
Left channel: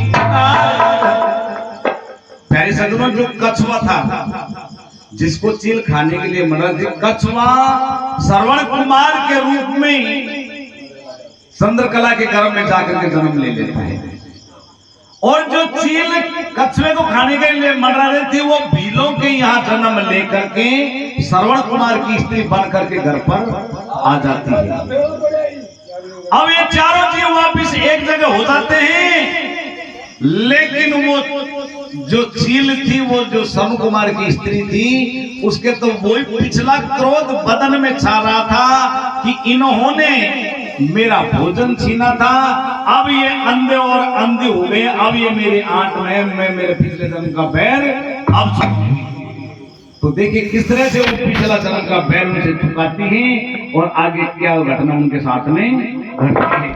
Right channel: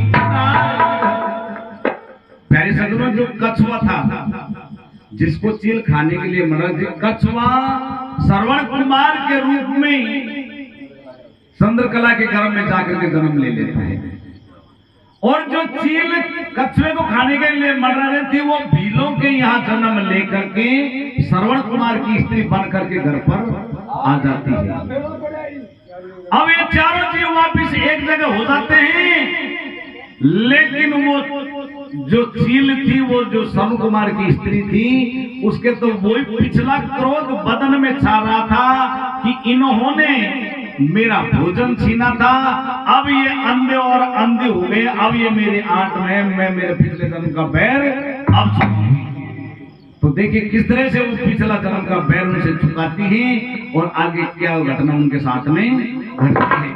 प्यारे सज्जनों, जो कछुआ था जिसको चील खाने के लिए मरा, कछुआ श्रवण कुमार के रूप में चंद्रकला के गर्भ में जाकर के जन्म ले लेता है। और जो चील कछुए को खाने के लिए मर रहे थे, वो भीलों के यहाँ जन्म लेकर के श्रवण कुमार की स्त्री बन करके घर पर आ जाती है। अब ये चारों जीव वापिस एक जगह हो जाते हैं, लेकिन वो जो चील थी, वो जो श्रवण कुमार की स्त्री थी, उसके तो वही पिछला क्रोध बदन में छा रहा था कि इन्होंने मेरा भोजन छीना था, अब ये अंधे और अंधे हो गए, अब ये मेरे आंट में, मैं मेरे पिछले जन्म का बैर अब। तो देखिए किस तरह से वो पिछला जन्म का बैर उनसे चुकाती है और आगे क्या घटना उनके साथ में घटती है।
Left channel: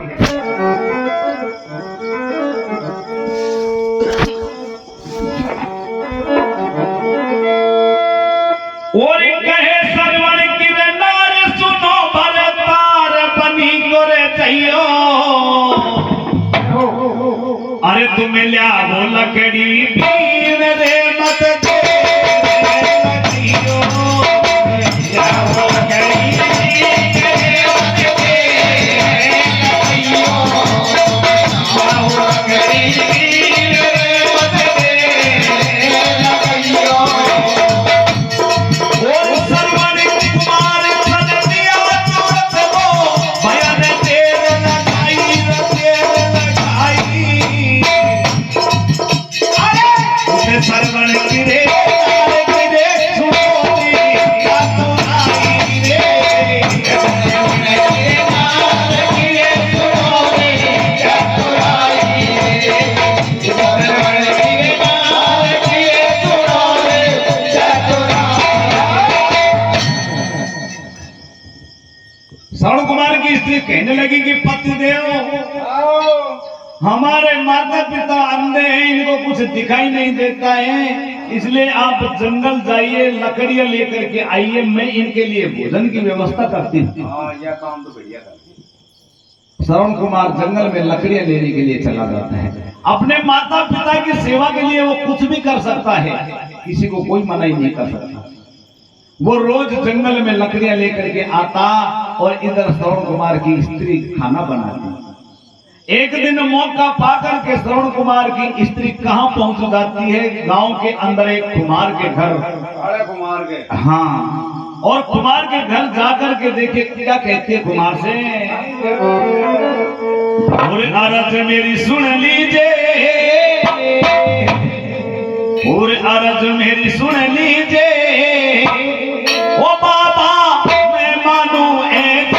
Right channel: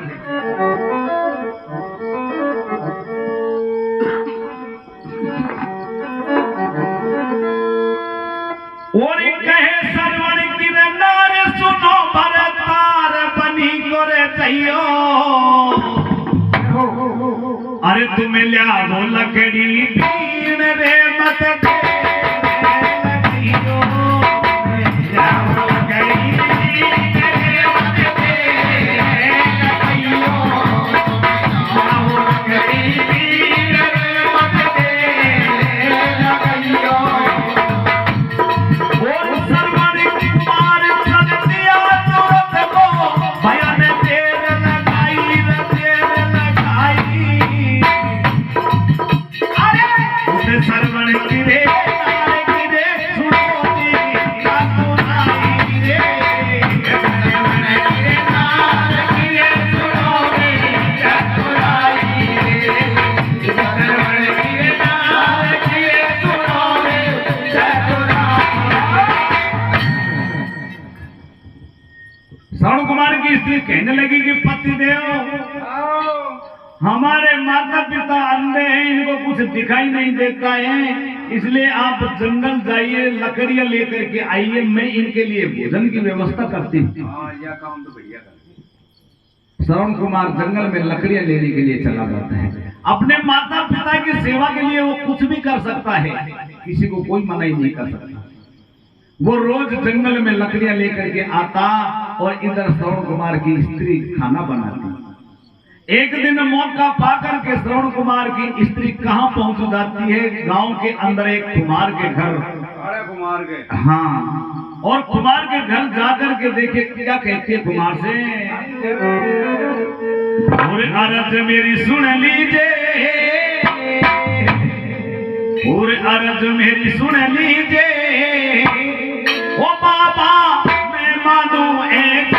और कहे सरवण की नारे सुनो भरतार बनी गोरे चाहिए, अरे तुम्हें लिया वो लकड़ी पीन रे मत दे कहने लगी कि पतिदेव, हमारे माता पिता अंधे हैं, इनको कुछ दिखाई नहीं देता है, इसलिए आप जंगल जाइए, लकड़ियां लेकर के आइए, मैं इनके लिए भोजन की व्यवस्था करती हूँ। यह काम तो बढ़िया कर। श्रवण कुमार जंगल में लकड़ियां लेने के लिए चला जाता है। अपने माता पिता की सेवा के लिए वो कुछ भी कर सकता है, किसी को कोई मना ही नहीं कर सकता। वो रोज जंगल में लकड़ियां लेकर के आता और इधर श्रवण कुमार की स्त्री खाना बनाती। एक दिन मौका पाकर के श्रवण कुमार की स्त्री कहां पहुंच जाती है, गांव के अंदर एक कुमार के घर। कुमार के, हाँ, और कुमार के घर जाकर के देखे क्या कहती है कुमार से, और अरज मेरी सुन लीजिए, और अरज मेरी सुन लीजिए, ओ बाबा मैं मानू एक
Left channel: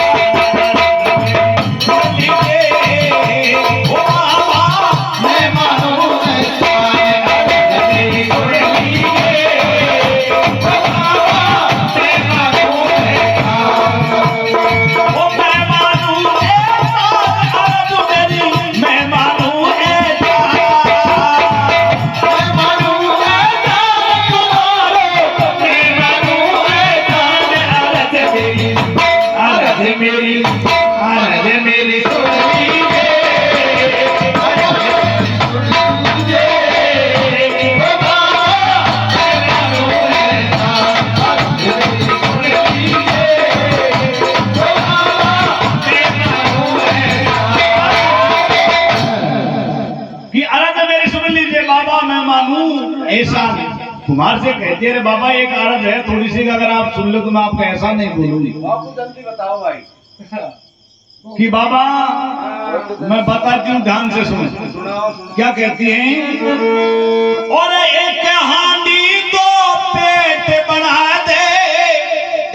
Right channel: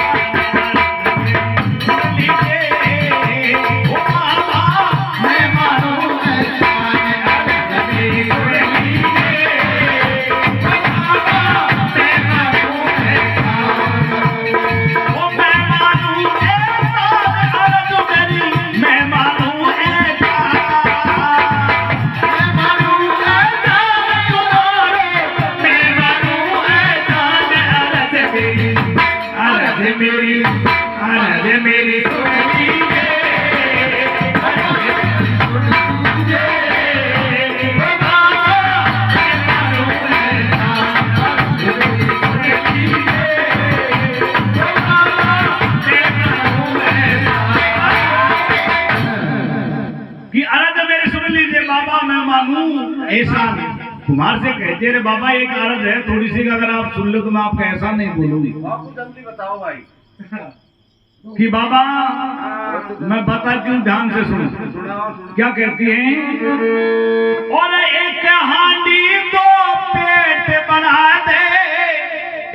ऐसा कुमार से कहते हैं, बाबा एक आरत है थोड़ी सी, अगर आप सुन लो तो मैं आपका ऐसा नहीं बोलूंगी। आपको जल्दी बताओ भाई। कि बाबा मैं बताती हूँ, ध्यान से सुनो। सुनाओ। क्या कहती हैं, और एक हांडी दो पेट बढ़ा दे,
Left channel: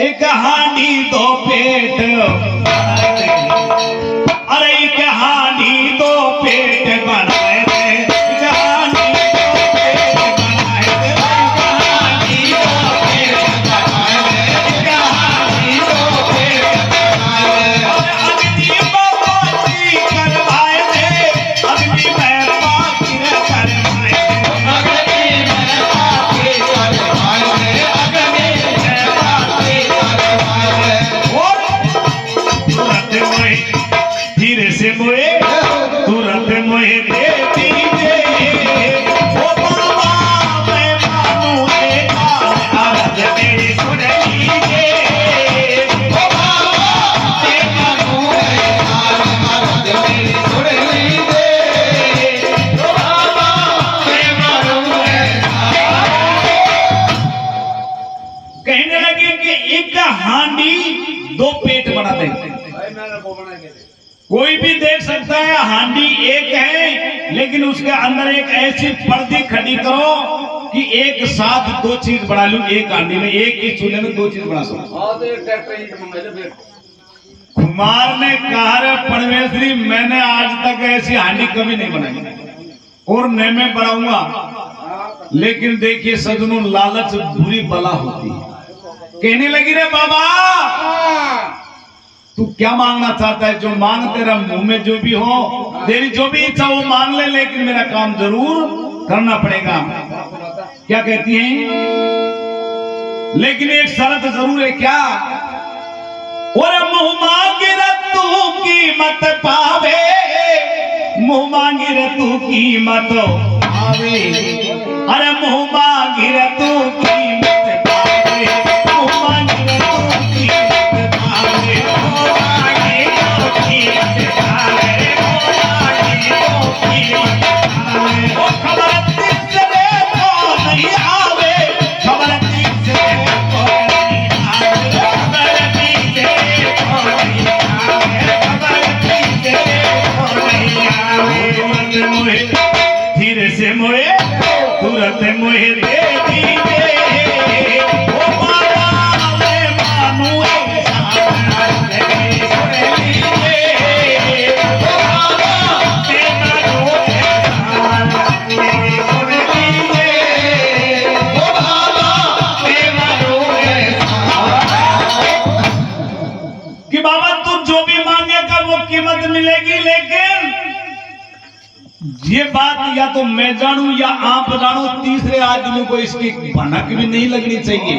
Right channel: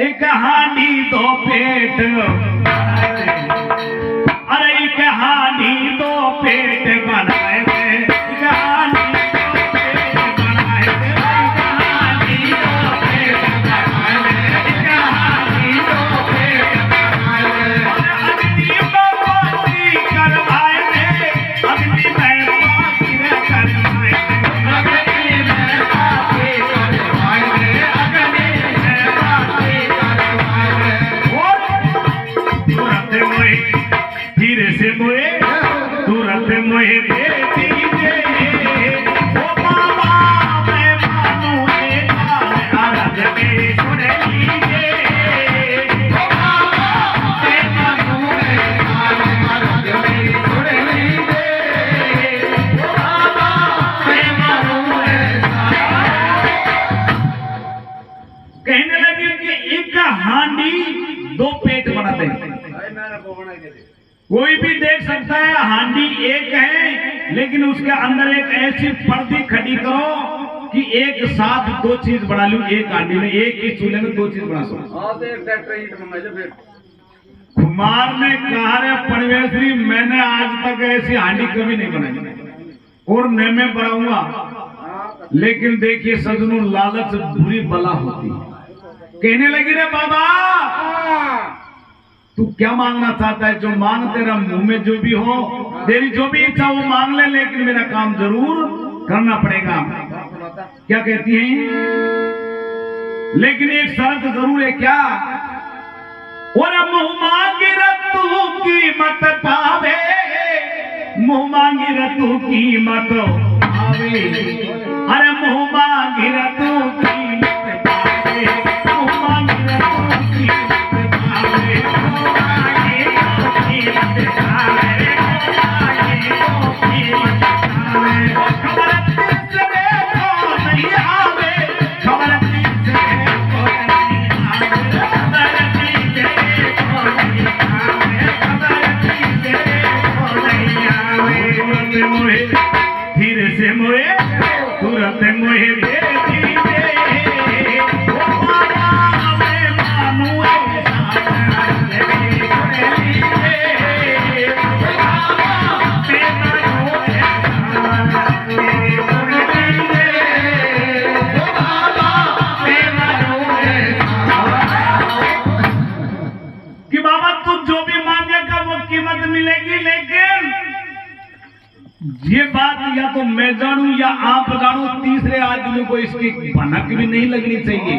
एक हांडी दो पेट बढ़ा दे, अरे एक हांडी दो पेट बढ़ाए दे, धीरे से मोए तुरंत मोए दे दीजिए, ओ बाबा मैं मानू एक आरज मेरी सुन लीजिए, ओ बाबा मैं मानू एक आरज मेरी सुन लीजिए, ओ बाबा मैं मानू एक। कहने लगे कि एक हांडी दो पेट बना दे। कोई भी देख सकता है हांडी एक है, लेकिन उसके अंदर एक ऐसी पर्दी खड़ी करो कि एक साथ दो चीज बना लूं एक हांडी में, एक ही चूल्हे में दो चीज बना सकूं। कुमार ने कहा, रे परमेश्वरी मैंने आज तक ऐसी हांडी कभी नहीं बनाई और न मैं बनाऊंगा, लेकिन देखिए सजनों लालच बुरी बला होती है। कहने लगी, रे बाबा तू क्या मांगना चाहता है, जो मांग तेरा मुंह में जो भी हो, तेरी जो भी इच्छा वो मांग ले, लेकिन मेरा काम जरूर करना पड़ेगा। क्या कहती हैं, लेकिन एक शर्त जरूर है। क्या, और मुंह मांगी रतू कीमत पावे, मुंह मांगी रतू कीमत पावे, अरे मुंह मांगी रतू कीमत पावे, मुंह मांगी रतू कीमत पावे, धीरे से मोए तुरंत मोहे दे दीजिए, ओ बाबा मैं मानू ऐसा सुन लीजिए, ओ बाबा मैं मानू ऐसा सुन लीजिए, ओ बाबा मैं मानू ऐसा। कि बाबा तू जो भी मांगेगा वो कीमत मिलेगी, लेकिन ये बात या तो मैं जानूं या आप जानूं, तीसरे आदमी को इसकी भनक भी नहीं लगनी चाहिए।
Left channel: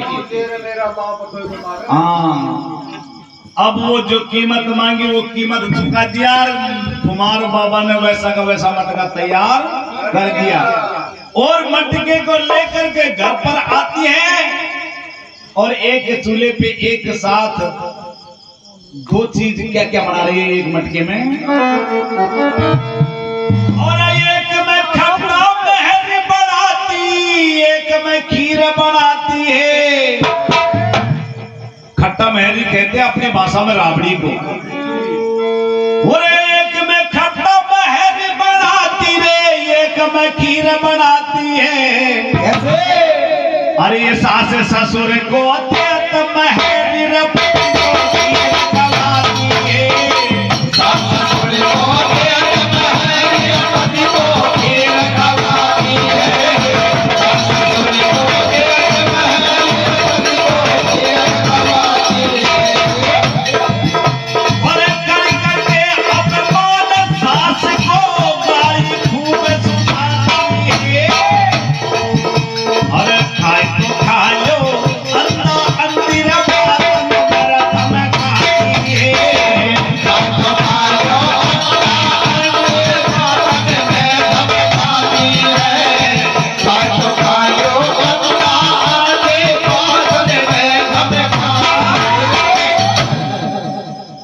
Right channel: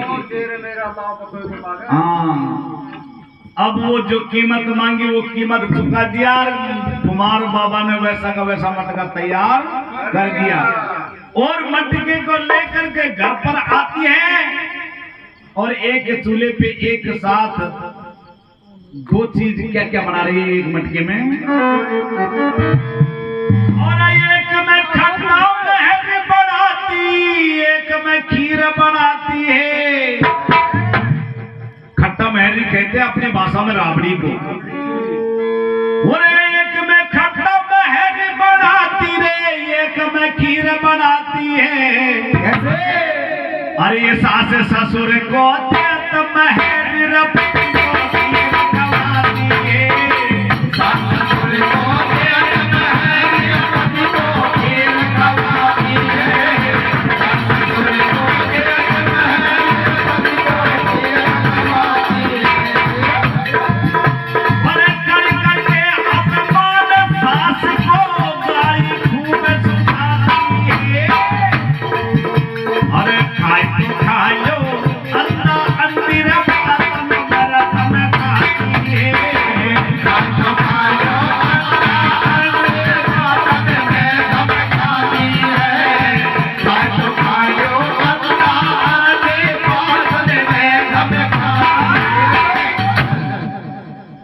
हाँ, अब वो जो कीमत मांगी वो कीमत चुका दिया, कुमार बाबा ने वैसा का वैसा मटका तैयार कर दिया और मटके को लेकर के घर पर आती है और एक चूल्हे पे एक साथ दो चीज क्या क्या बना रही है एक मटके में, और एक में खट्टा महर बनाती, एक में खीर बनाती है। खट्टा महरी कहते हैं अपनी भाषा में राबड़ी को। और एक में खट्टा महर बनाती रे, एक में खीर बनाती है। कैसे? अरे ये सास ससुर को देत महर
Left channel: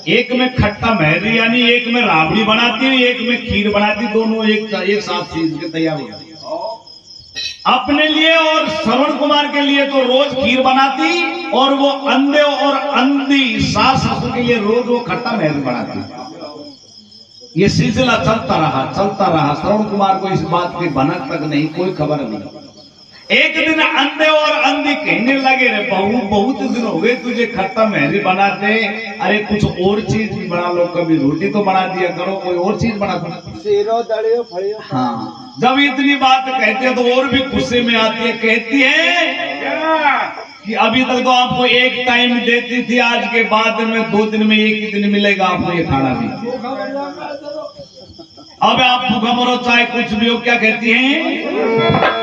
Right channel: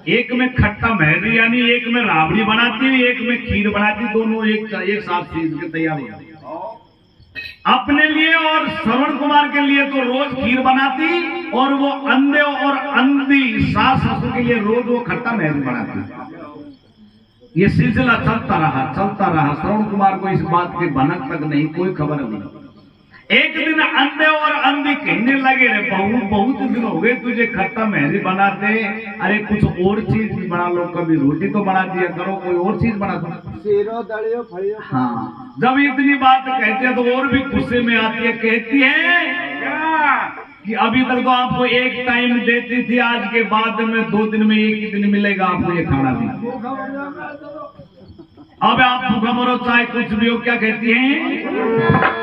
एक में खट्टा महरी यानी एक में राबड़ी बनाती है, एक में खीर बनाती, दोनों एक साथ चीज के तैयार हो जाती। अपने लिए और श्रवण कुमार के लिए तो रोज खीर बनाती और वो अंधे और अंधी सास ससुर के लिए रोज वो खट्टा महरी बनाती। ये सिलसिला चलता रहा। श्रवण कुमार को इस बात की भनक तक नहीं, कोई खबर नहीं। एक दिन अंधे और अंधी कहने लगे, रे बहू बहुत दिन हो गए तुझे खट्टा महरी बनाते, अरे कुछ और चीज भी बना लो, कभी रोटी तो बना दिया करो, कोई और चीज बना दो, सेरो दड़ियो फड़ियो। हाँ, जब इतनी बात कहते हैं तो और भी गुस्से में आती है, कहती है कि अभी तक तो आपको एक टाइम देती थी, आज के बाद में 2 दिन में एक ही दिन मिलेगा आपको ये खाना भी। अब आप भूखा मरो चाहे कुछ भी हो। क्या कहती है?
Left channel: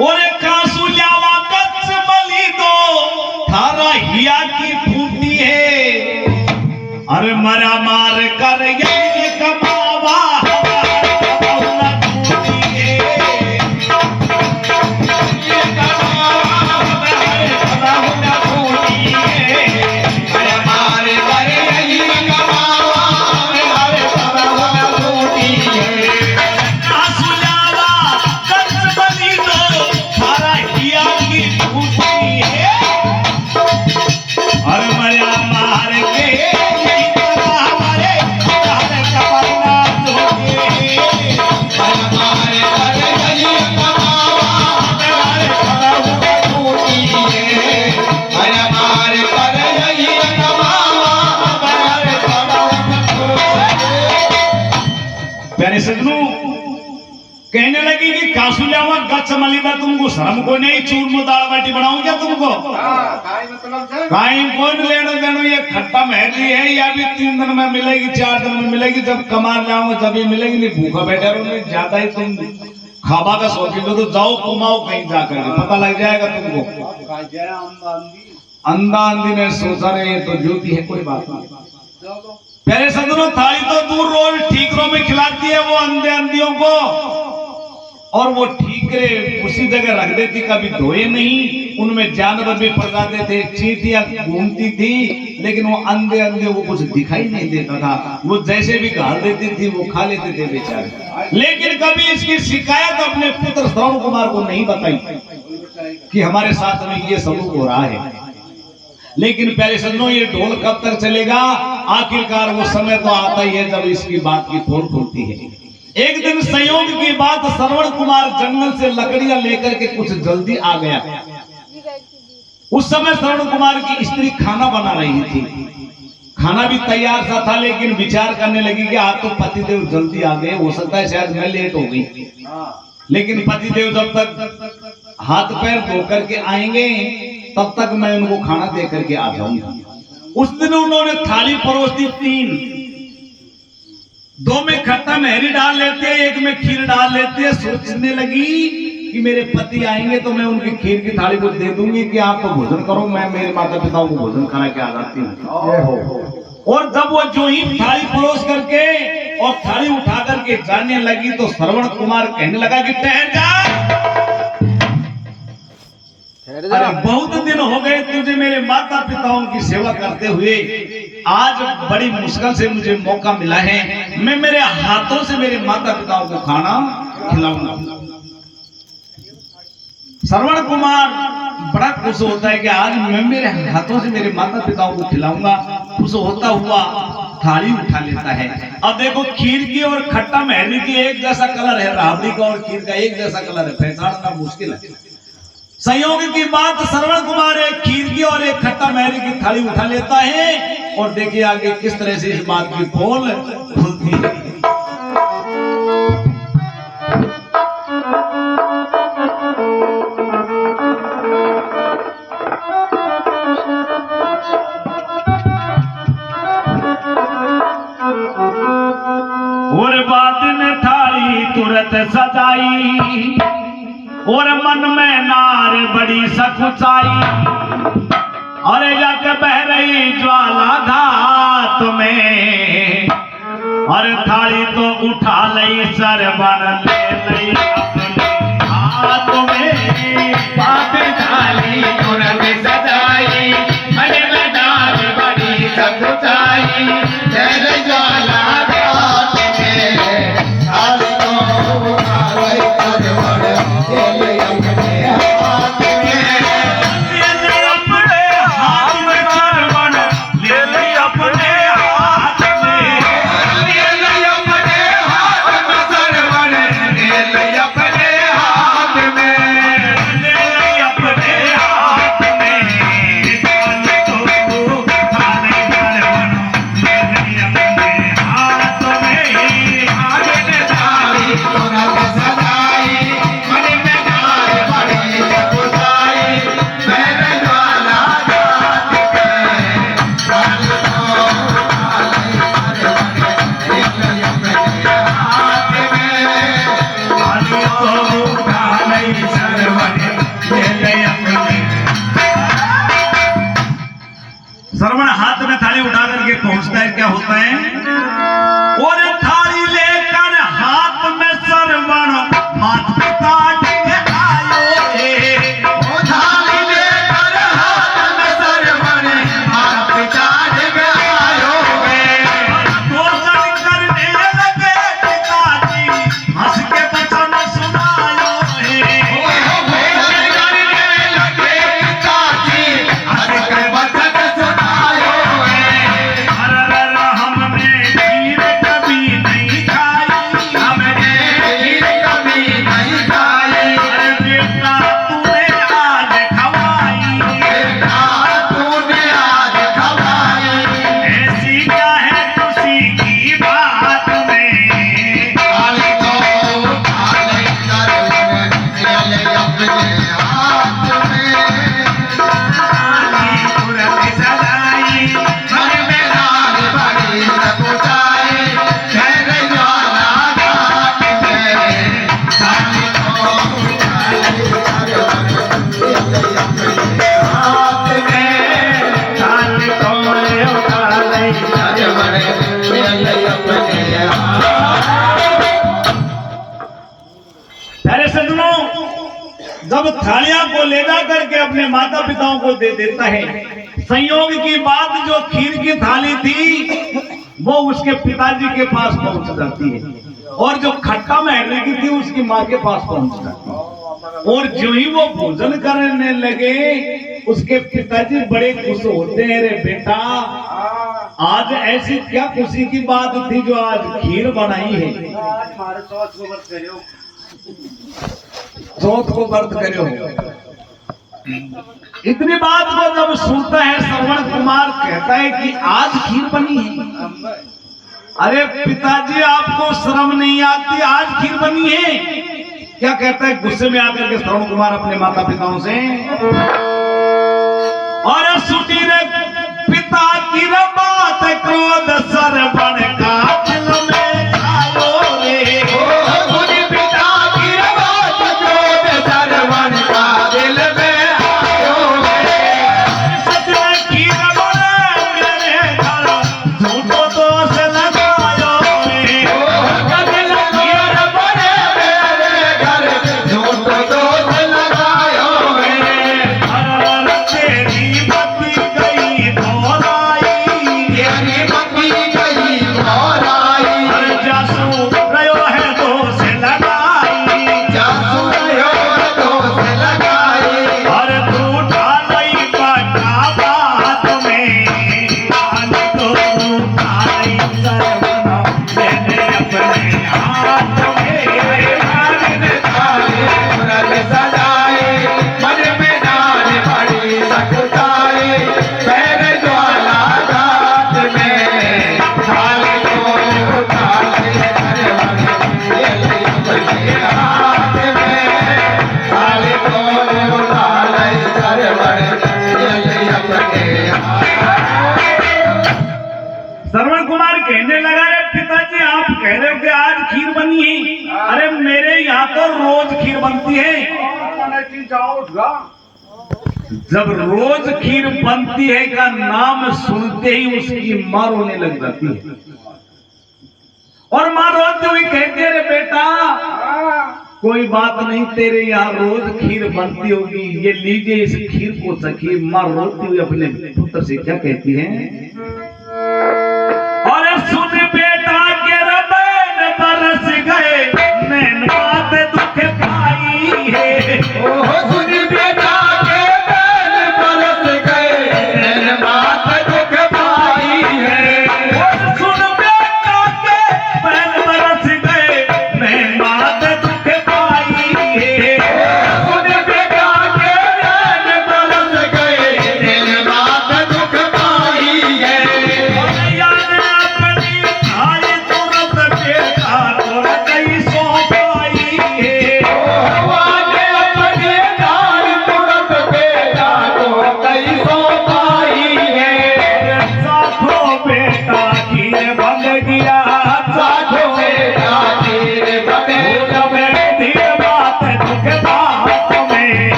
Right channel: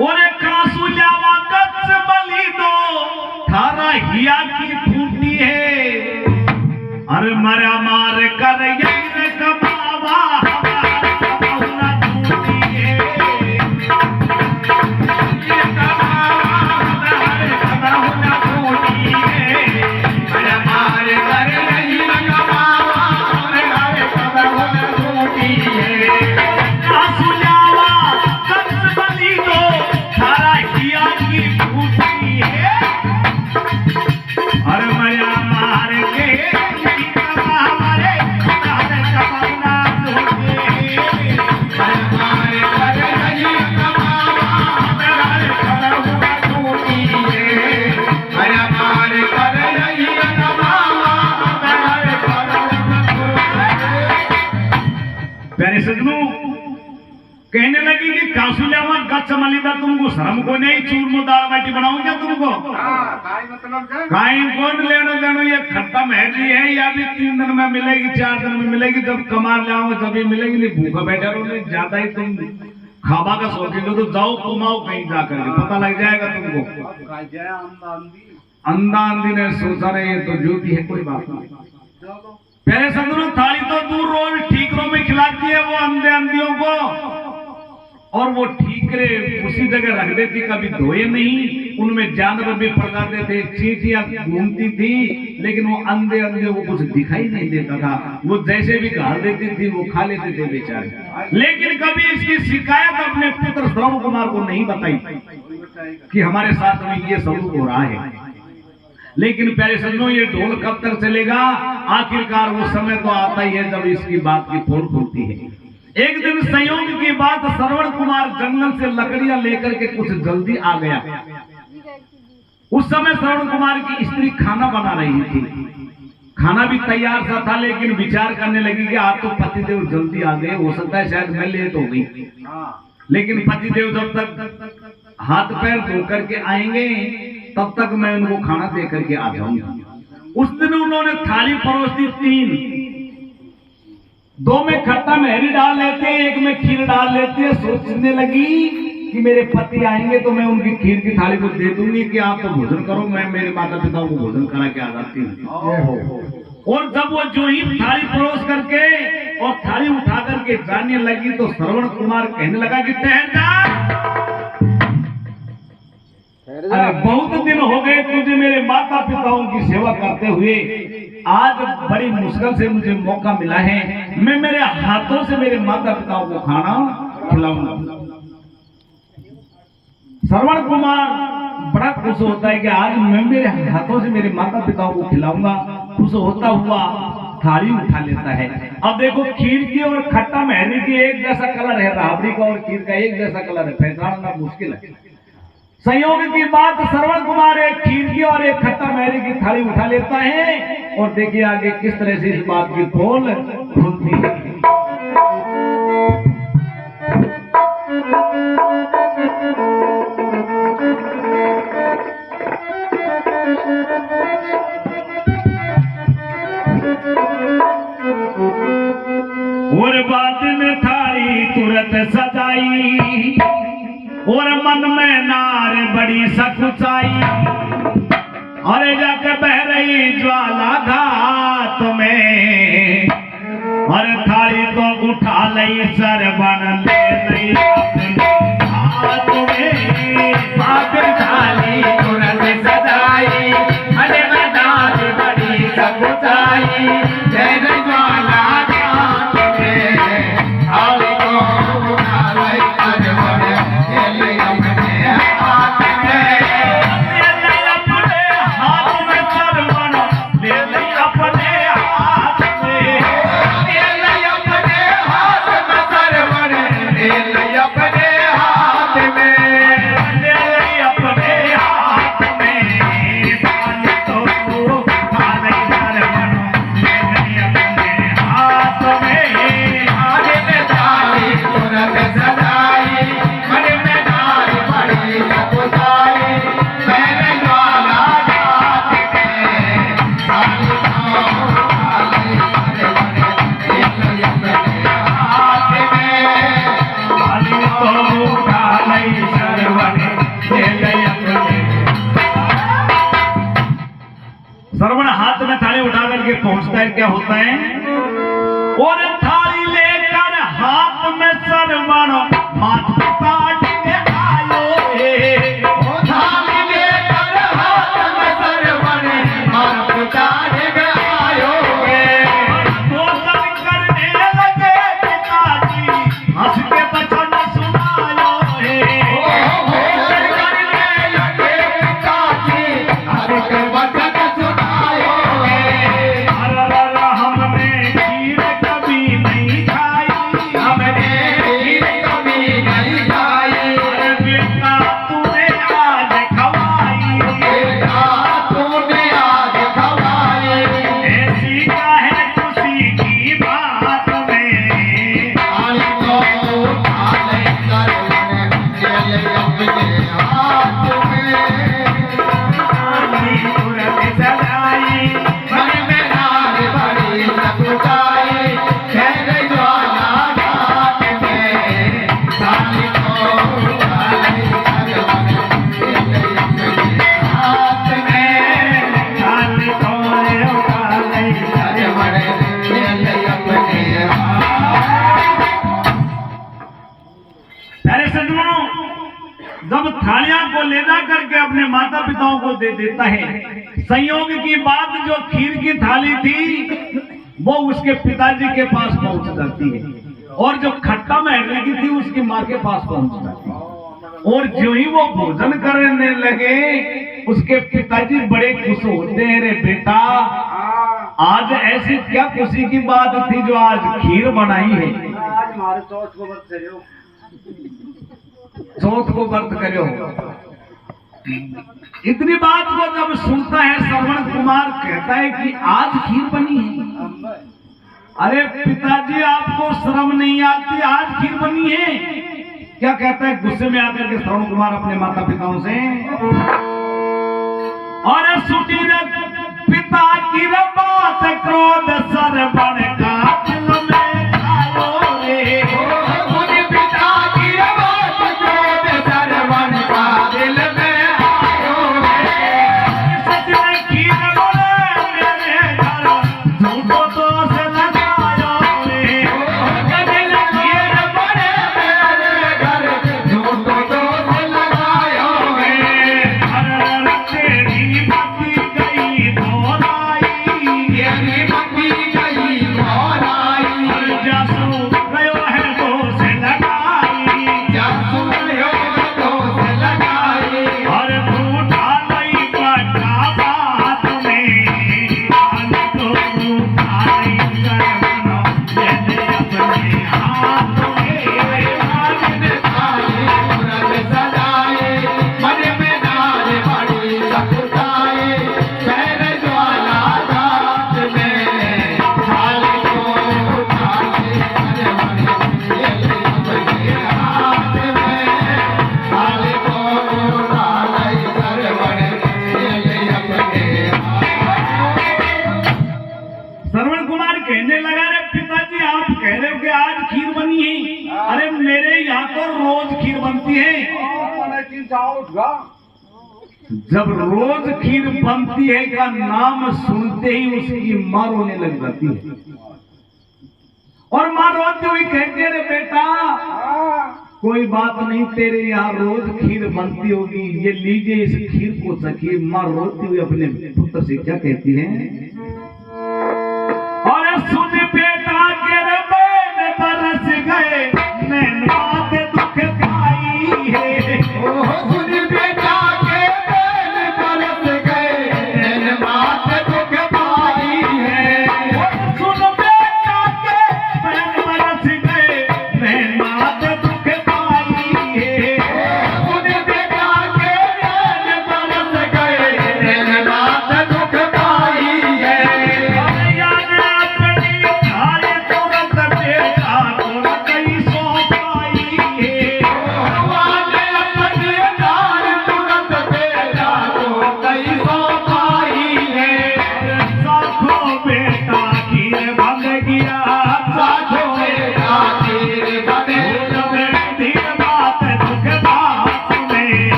और कासू लावा कच्च बली दो थारा हिया की फूटी है, अरे मरा मार कर ये कमावा हमारा फूटी है, ये कमावा हमारा फूटी है, मरा मार कर ये कमावा हमारा फूटी है। कासू लावा कच्च बली दो और मया मार के हमारे कपड़ा प्यारे सजनों, कहने लगी कि कासुलियावा गच्छ मलिदा तुमको शर्म को नहीं, चूरमा दाल बाटी बनाऊं क्या तुमको? काई कौन लेनो देनो, ये खट्टा महरी है या भी 3 दिन में मिलेगी, 4 दिन में मिलेगी, जब कमा लाऊंगा तभी मिलेगी, नहीं भूखा बैठे रहो, नहीं ज्यादा ही तुम खाबा का शौकीन हो तो जाओ कमाओ कहीं जाकर के, पता लग जाएगा तुमको। अंधा अंधी ने सोचा रहे ये तो ज्योति है, कोई बात नहीं। पहले सदनों थाली तो दूर रोज ठीकरों में खिलाती है वो अंधे अंधियों को, और वो ठीकरे उसी जगह रख देती, कभी धोए नहीं, उनमें जानवर भी पड़ जाते थे, चींटियां घूमती थी, लेकिन वो अंधे अंधे वो कुछ दिखाई नहीं देता था, वो जैसे भी गाड़ देती थी वो खा लेते थे बेचारे। लेकिन कभी इसकी शिकायत अपने पुत्र श्रवण कुमार को नहीं बताई कि हमारे साथ में ये सलूक हो रहा है। लेकिन प्यारे सज्जनों, ये ढोल कब तक चलेगा? आखिरकार वो समय तो आता ही है जब इसकी बात की पोल खुलती है। एक दिन संयोग की बात, श्रवण कुमार जंगल से लकड़ियां लेकर के कुछ जल्दी आ गया। उस समय श्रवण कुमार की स्त्री खाना बना रही थी, खाना भी तैयार सा था, लेकिन विचार करने लगी कि आज तो पतिदेव जल्दी आ गए, हो सकता है शायद मैं लेट हो गई। लेकिन पतिदेव जब तक हाथ पैर धो करके आएंगे तब तक मैं उनको खाना दे करके आ जाऊंगा। उस दिन उन्होंने थाली परोस दी 3, दो में खट्टा मेहरी डाल लेते हैं, एक में खीर डाल लेते हैं। सोचने लगी कि मेरे पति आएंगे तो मैं उनकी खीर की थाली को दे दूंगी कि आप तो भोजन करो, मैं मेरे माता पिताओं को भोजन करा के आ जाती हूँ। और जब वो जो ही थाली परोस करके और थाली उठा करके जाने लगी तो श्रवण कुमार कहने लगा कि ठहर जा, अरे बहुत दिन हो गए तुझे मेरे माता पिताओं की सेवा करते हुए, आज बड़ी मुश्किल से मुझे मौका मिला है, मैं मेरे हाथों से मेरे माता पिताओं को खाना खिलाऊंगा। श्रवण कुमार बड़ा खुश होता है कि आज मैं मेरे हाथों से मेरे माता पिताओं को खिलाऊंगा। खुश होता हुआ थाली उठा लेता है। अब देखो खीर की और खट्टा मेहंदी की एक जैसा कलर है, राबड़ी का और खीर का एक जैसा कलर है, पहचानना मुश्किल है। संयोग की बात, श्रवण कुमार एक खीर की और एक खट्टा मेहंदी की थाली उठा लेता है और देखिए आगे किस तरह से इस बात की पोल खुलती है। और बाद में थाली तुरंत सजाई और मन में नार बड़ी सकुचाई, और जाके बह रही ज्वाला घाट में, और थाली तो उठा लई सरबन ले लई अपने हाथ में। बाबे थाली तुरंत सजाई, मन में नार बड़ी सकुचाई, तेरे ज्वाला घाट में, थाली तो उठा लई सरबन ले लई अपने हाथ में। ले लई अपने हाथ में सरबन, ले लई अपने हाथ में, ले लई अपने हाथ में सरबन, ले लई अपने हाथ में। ले लई अपने हाथ में, थाली तो उठा लई सरबन, ले लई अपने हाथ में। आगे में थाली तुरंत सजाई, मन में नार बड़ी सकुचाई, मेरे ज्वाला घाट में, थाली तो उठा लई सरबन, ले लई अपने हाथ में। थाली तो उठा लई सरबन, ले लई अपने। श्रवण हाथ में थाली उठा करके पहुंचता है, क्या होता है? और थाली लेकर हाथ में श्रवण माता पिता के आए। ओ थाली लेकर हाथ में सरबन, माता पिता के आयो वे। भोजन करने लगे पिताजी, हंस के वचन सुनायो है। भोजन करने लगे पिताजी, हंस के वचन सुनायो है। अरर हमने खीर कभी नहीं खाई, हमने खीर कभी नहीं खाई, अरे बेटा तूने आज खवाई। बेटा तूने आज खवाई। ऐसी क्या है खुशी की बात में, थाली तो उठा लई सरबन, ले लई अपने हाथ में। थाली तुरंत सजाई, मन में नार बड़ी सकुचाई, तेरे ज्वाला घाट में, थाली तो उठा लई सरबन, ले लई अपने हाथ में। थाली को उठा लई सरबन, ले लई अपने हाथ। अरे सज्जनों, जब थालियां को ले जा करके अपने माता पिताओं को दे देता है, संयोग की बात जो खीर की थाली थी वो उसके पिताजी के पास पहुंच जाती है, और जो खट्टा मेहंदी की थी उसकी माँ के पास पहुंच जाती है। और जो ही वो भोजन करने लगे उसके पिताजी बड़े खुश होते हैं, रे बेटा आज ऐसी क्या खुशी की बात थी जो आज खीर बनाई है। आज हमारे चौथ को मत करियो। चौथ को व्रत करो। इतनी बात को जब सुनता है श्रवण कुमार, कहता है कि आज खीर बनी है। अरे पिताजी आपको शर्म नहीं आती, आज खीर बनी है? क्या कहता है गुस्से में आकर के श्रवण कुमार अपने माता पिताओं से, और सुटी रे पिता की रे बात क्रोध सरवण का दिल में हाथ में नारिन थाली व्रत सजाए मन में नार बड़ी सकुचाए पैर ज्वाला घाट में थाली को उठाए घर बड़े हाथ में थाली को उठाए घर बड़े श्रवण कुमार कहने लगा, रे पिताजी आप कह रहे हो कि आज खीर बनी है, अरे मेरे यहाँ तो रोज खीर बनती है। जब रोज खीर बनती है का नाम सुनते ही उसकी मां रोने लग जाती है और मां रोते हुए कहती है, रे बेटा कोई बात नहीं, तेरे यहाँ रोज खीर बनती होगी, ये लीजिए इस खीर को सखी। मां रोती हुई अपने पुत्र से क्या कहती है,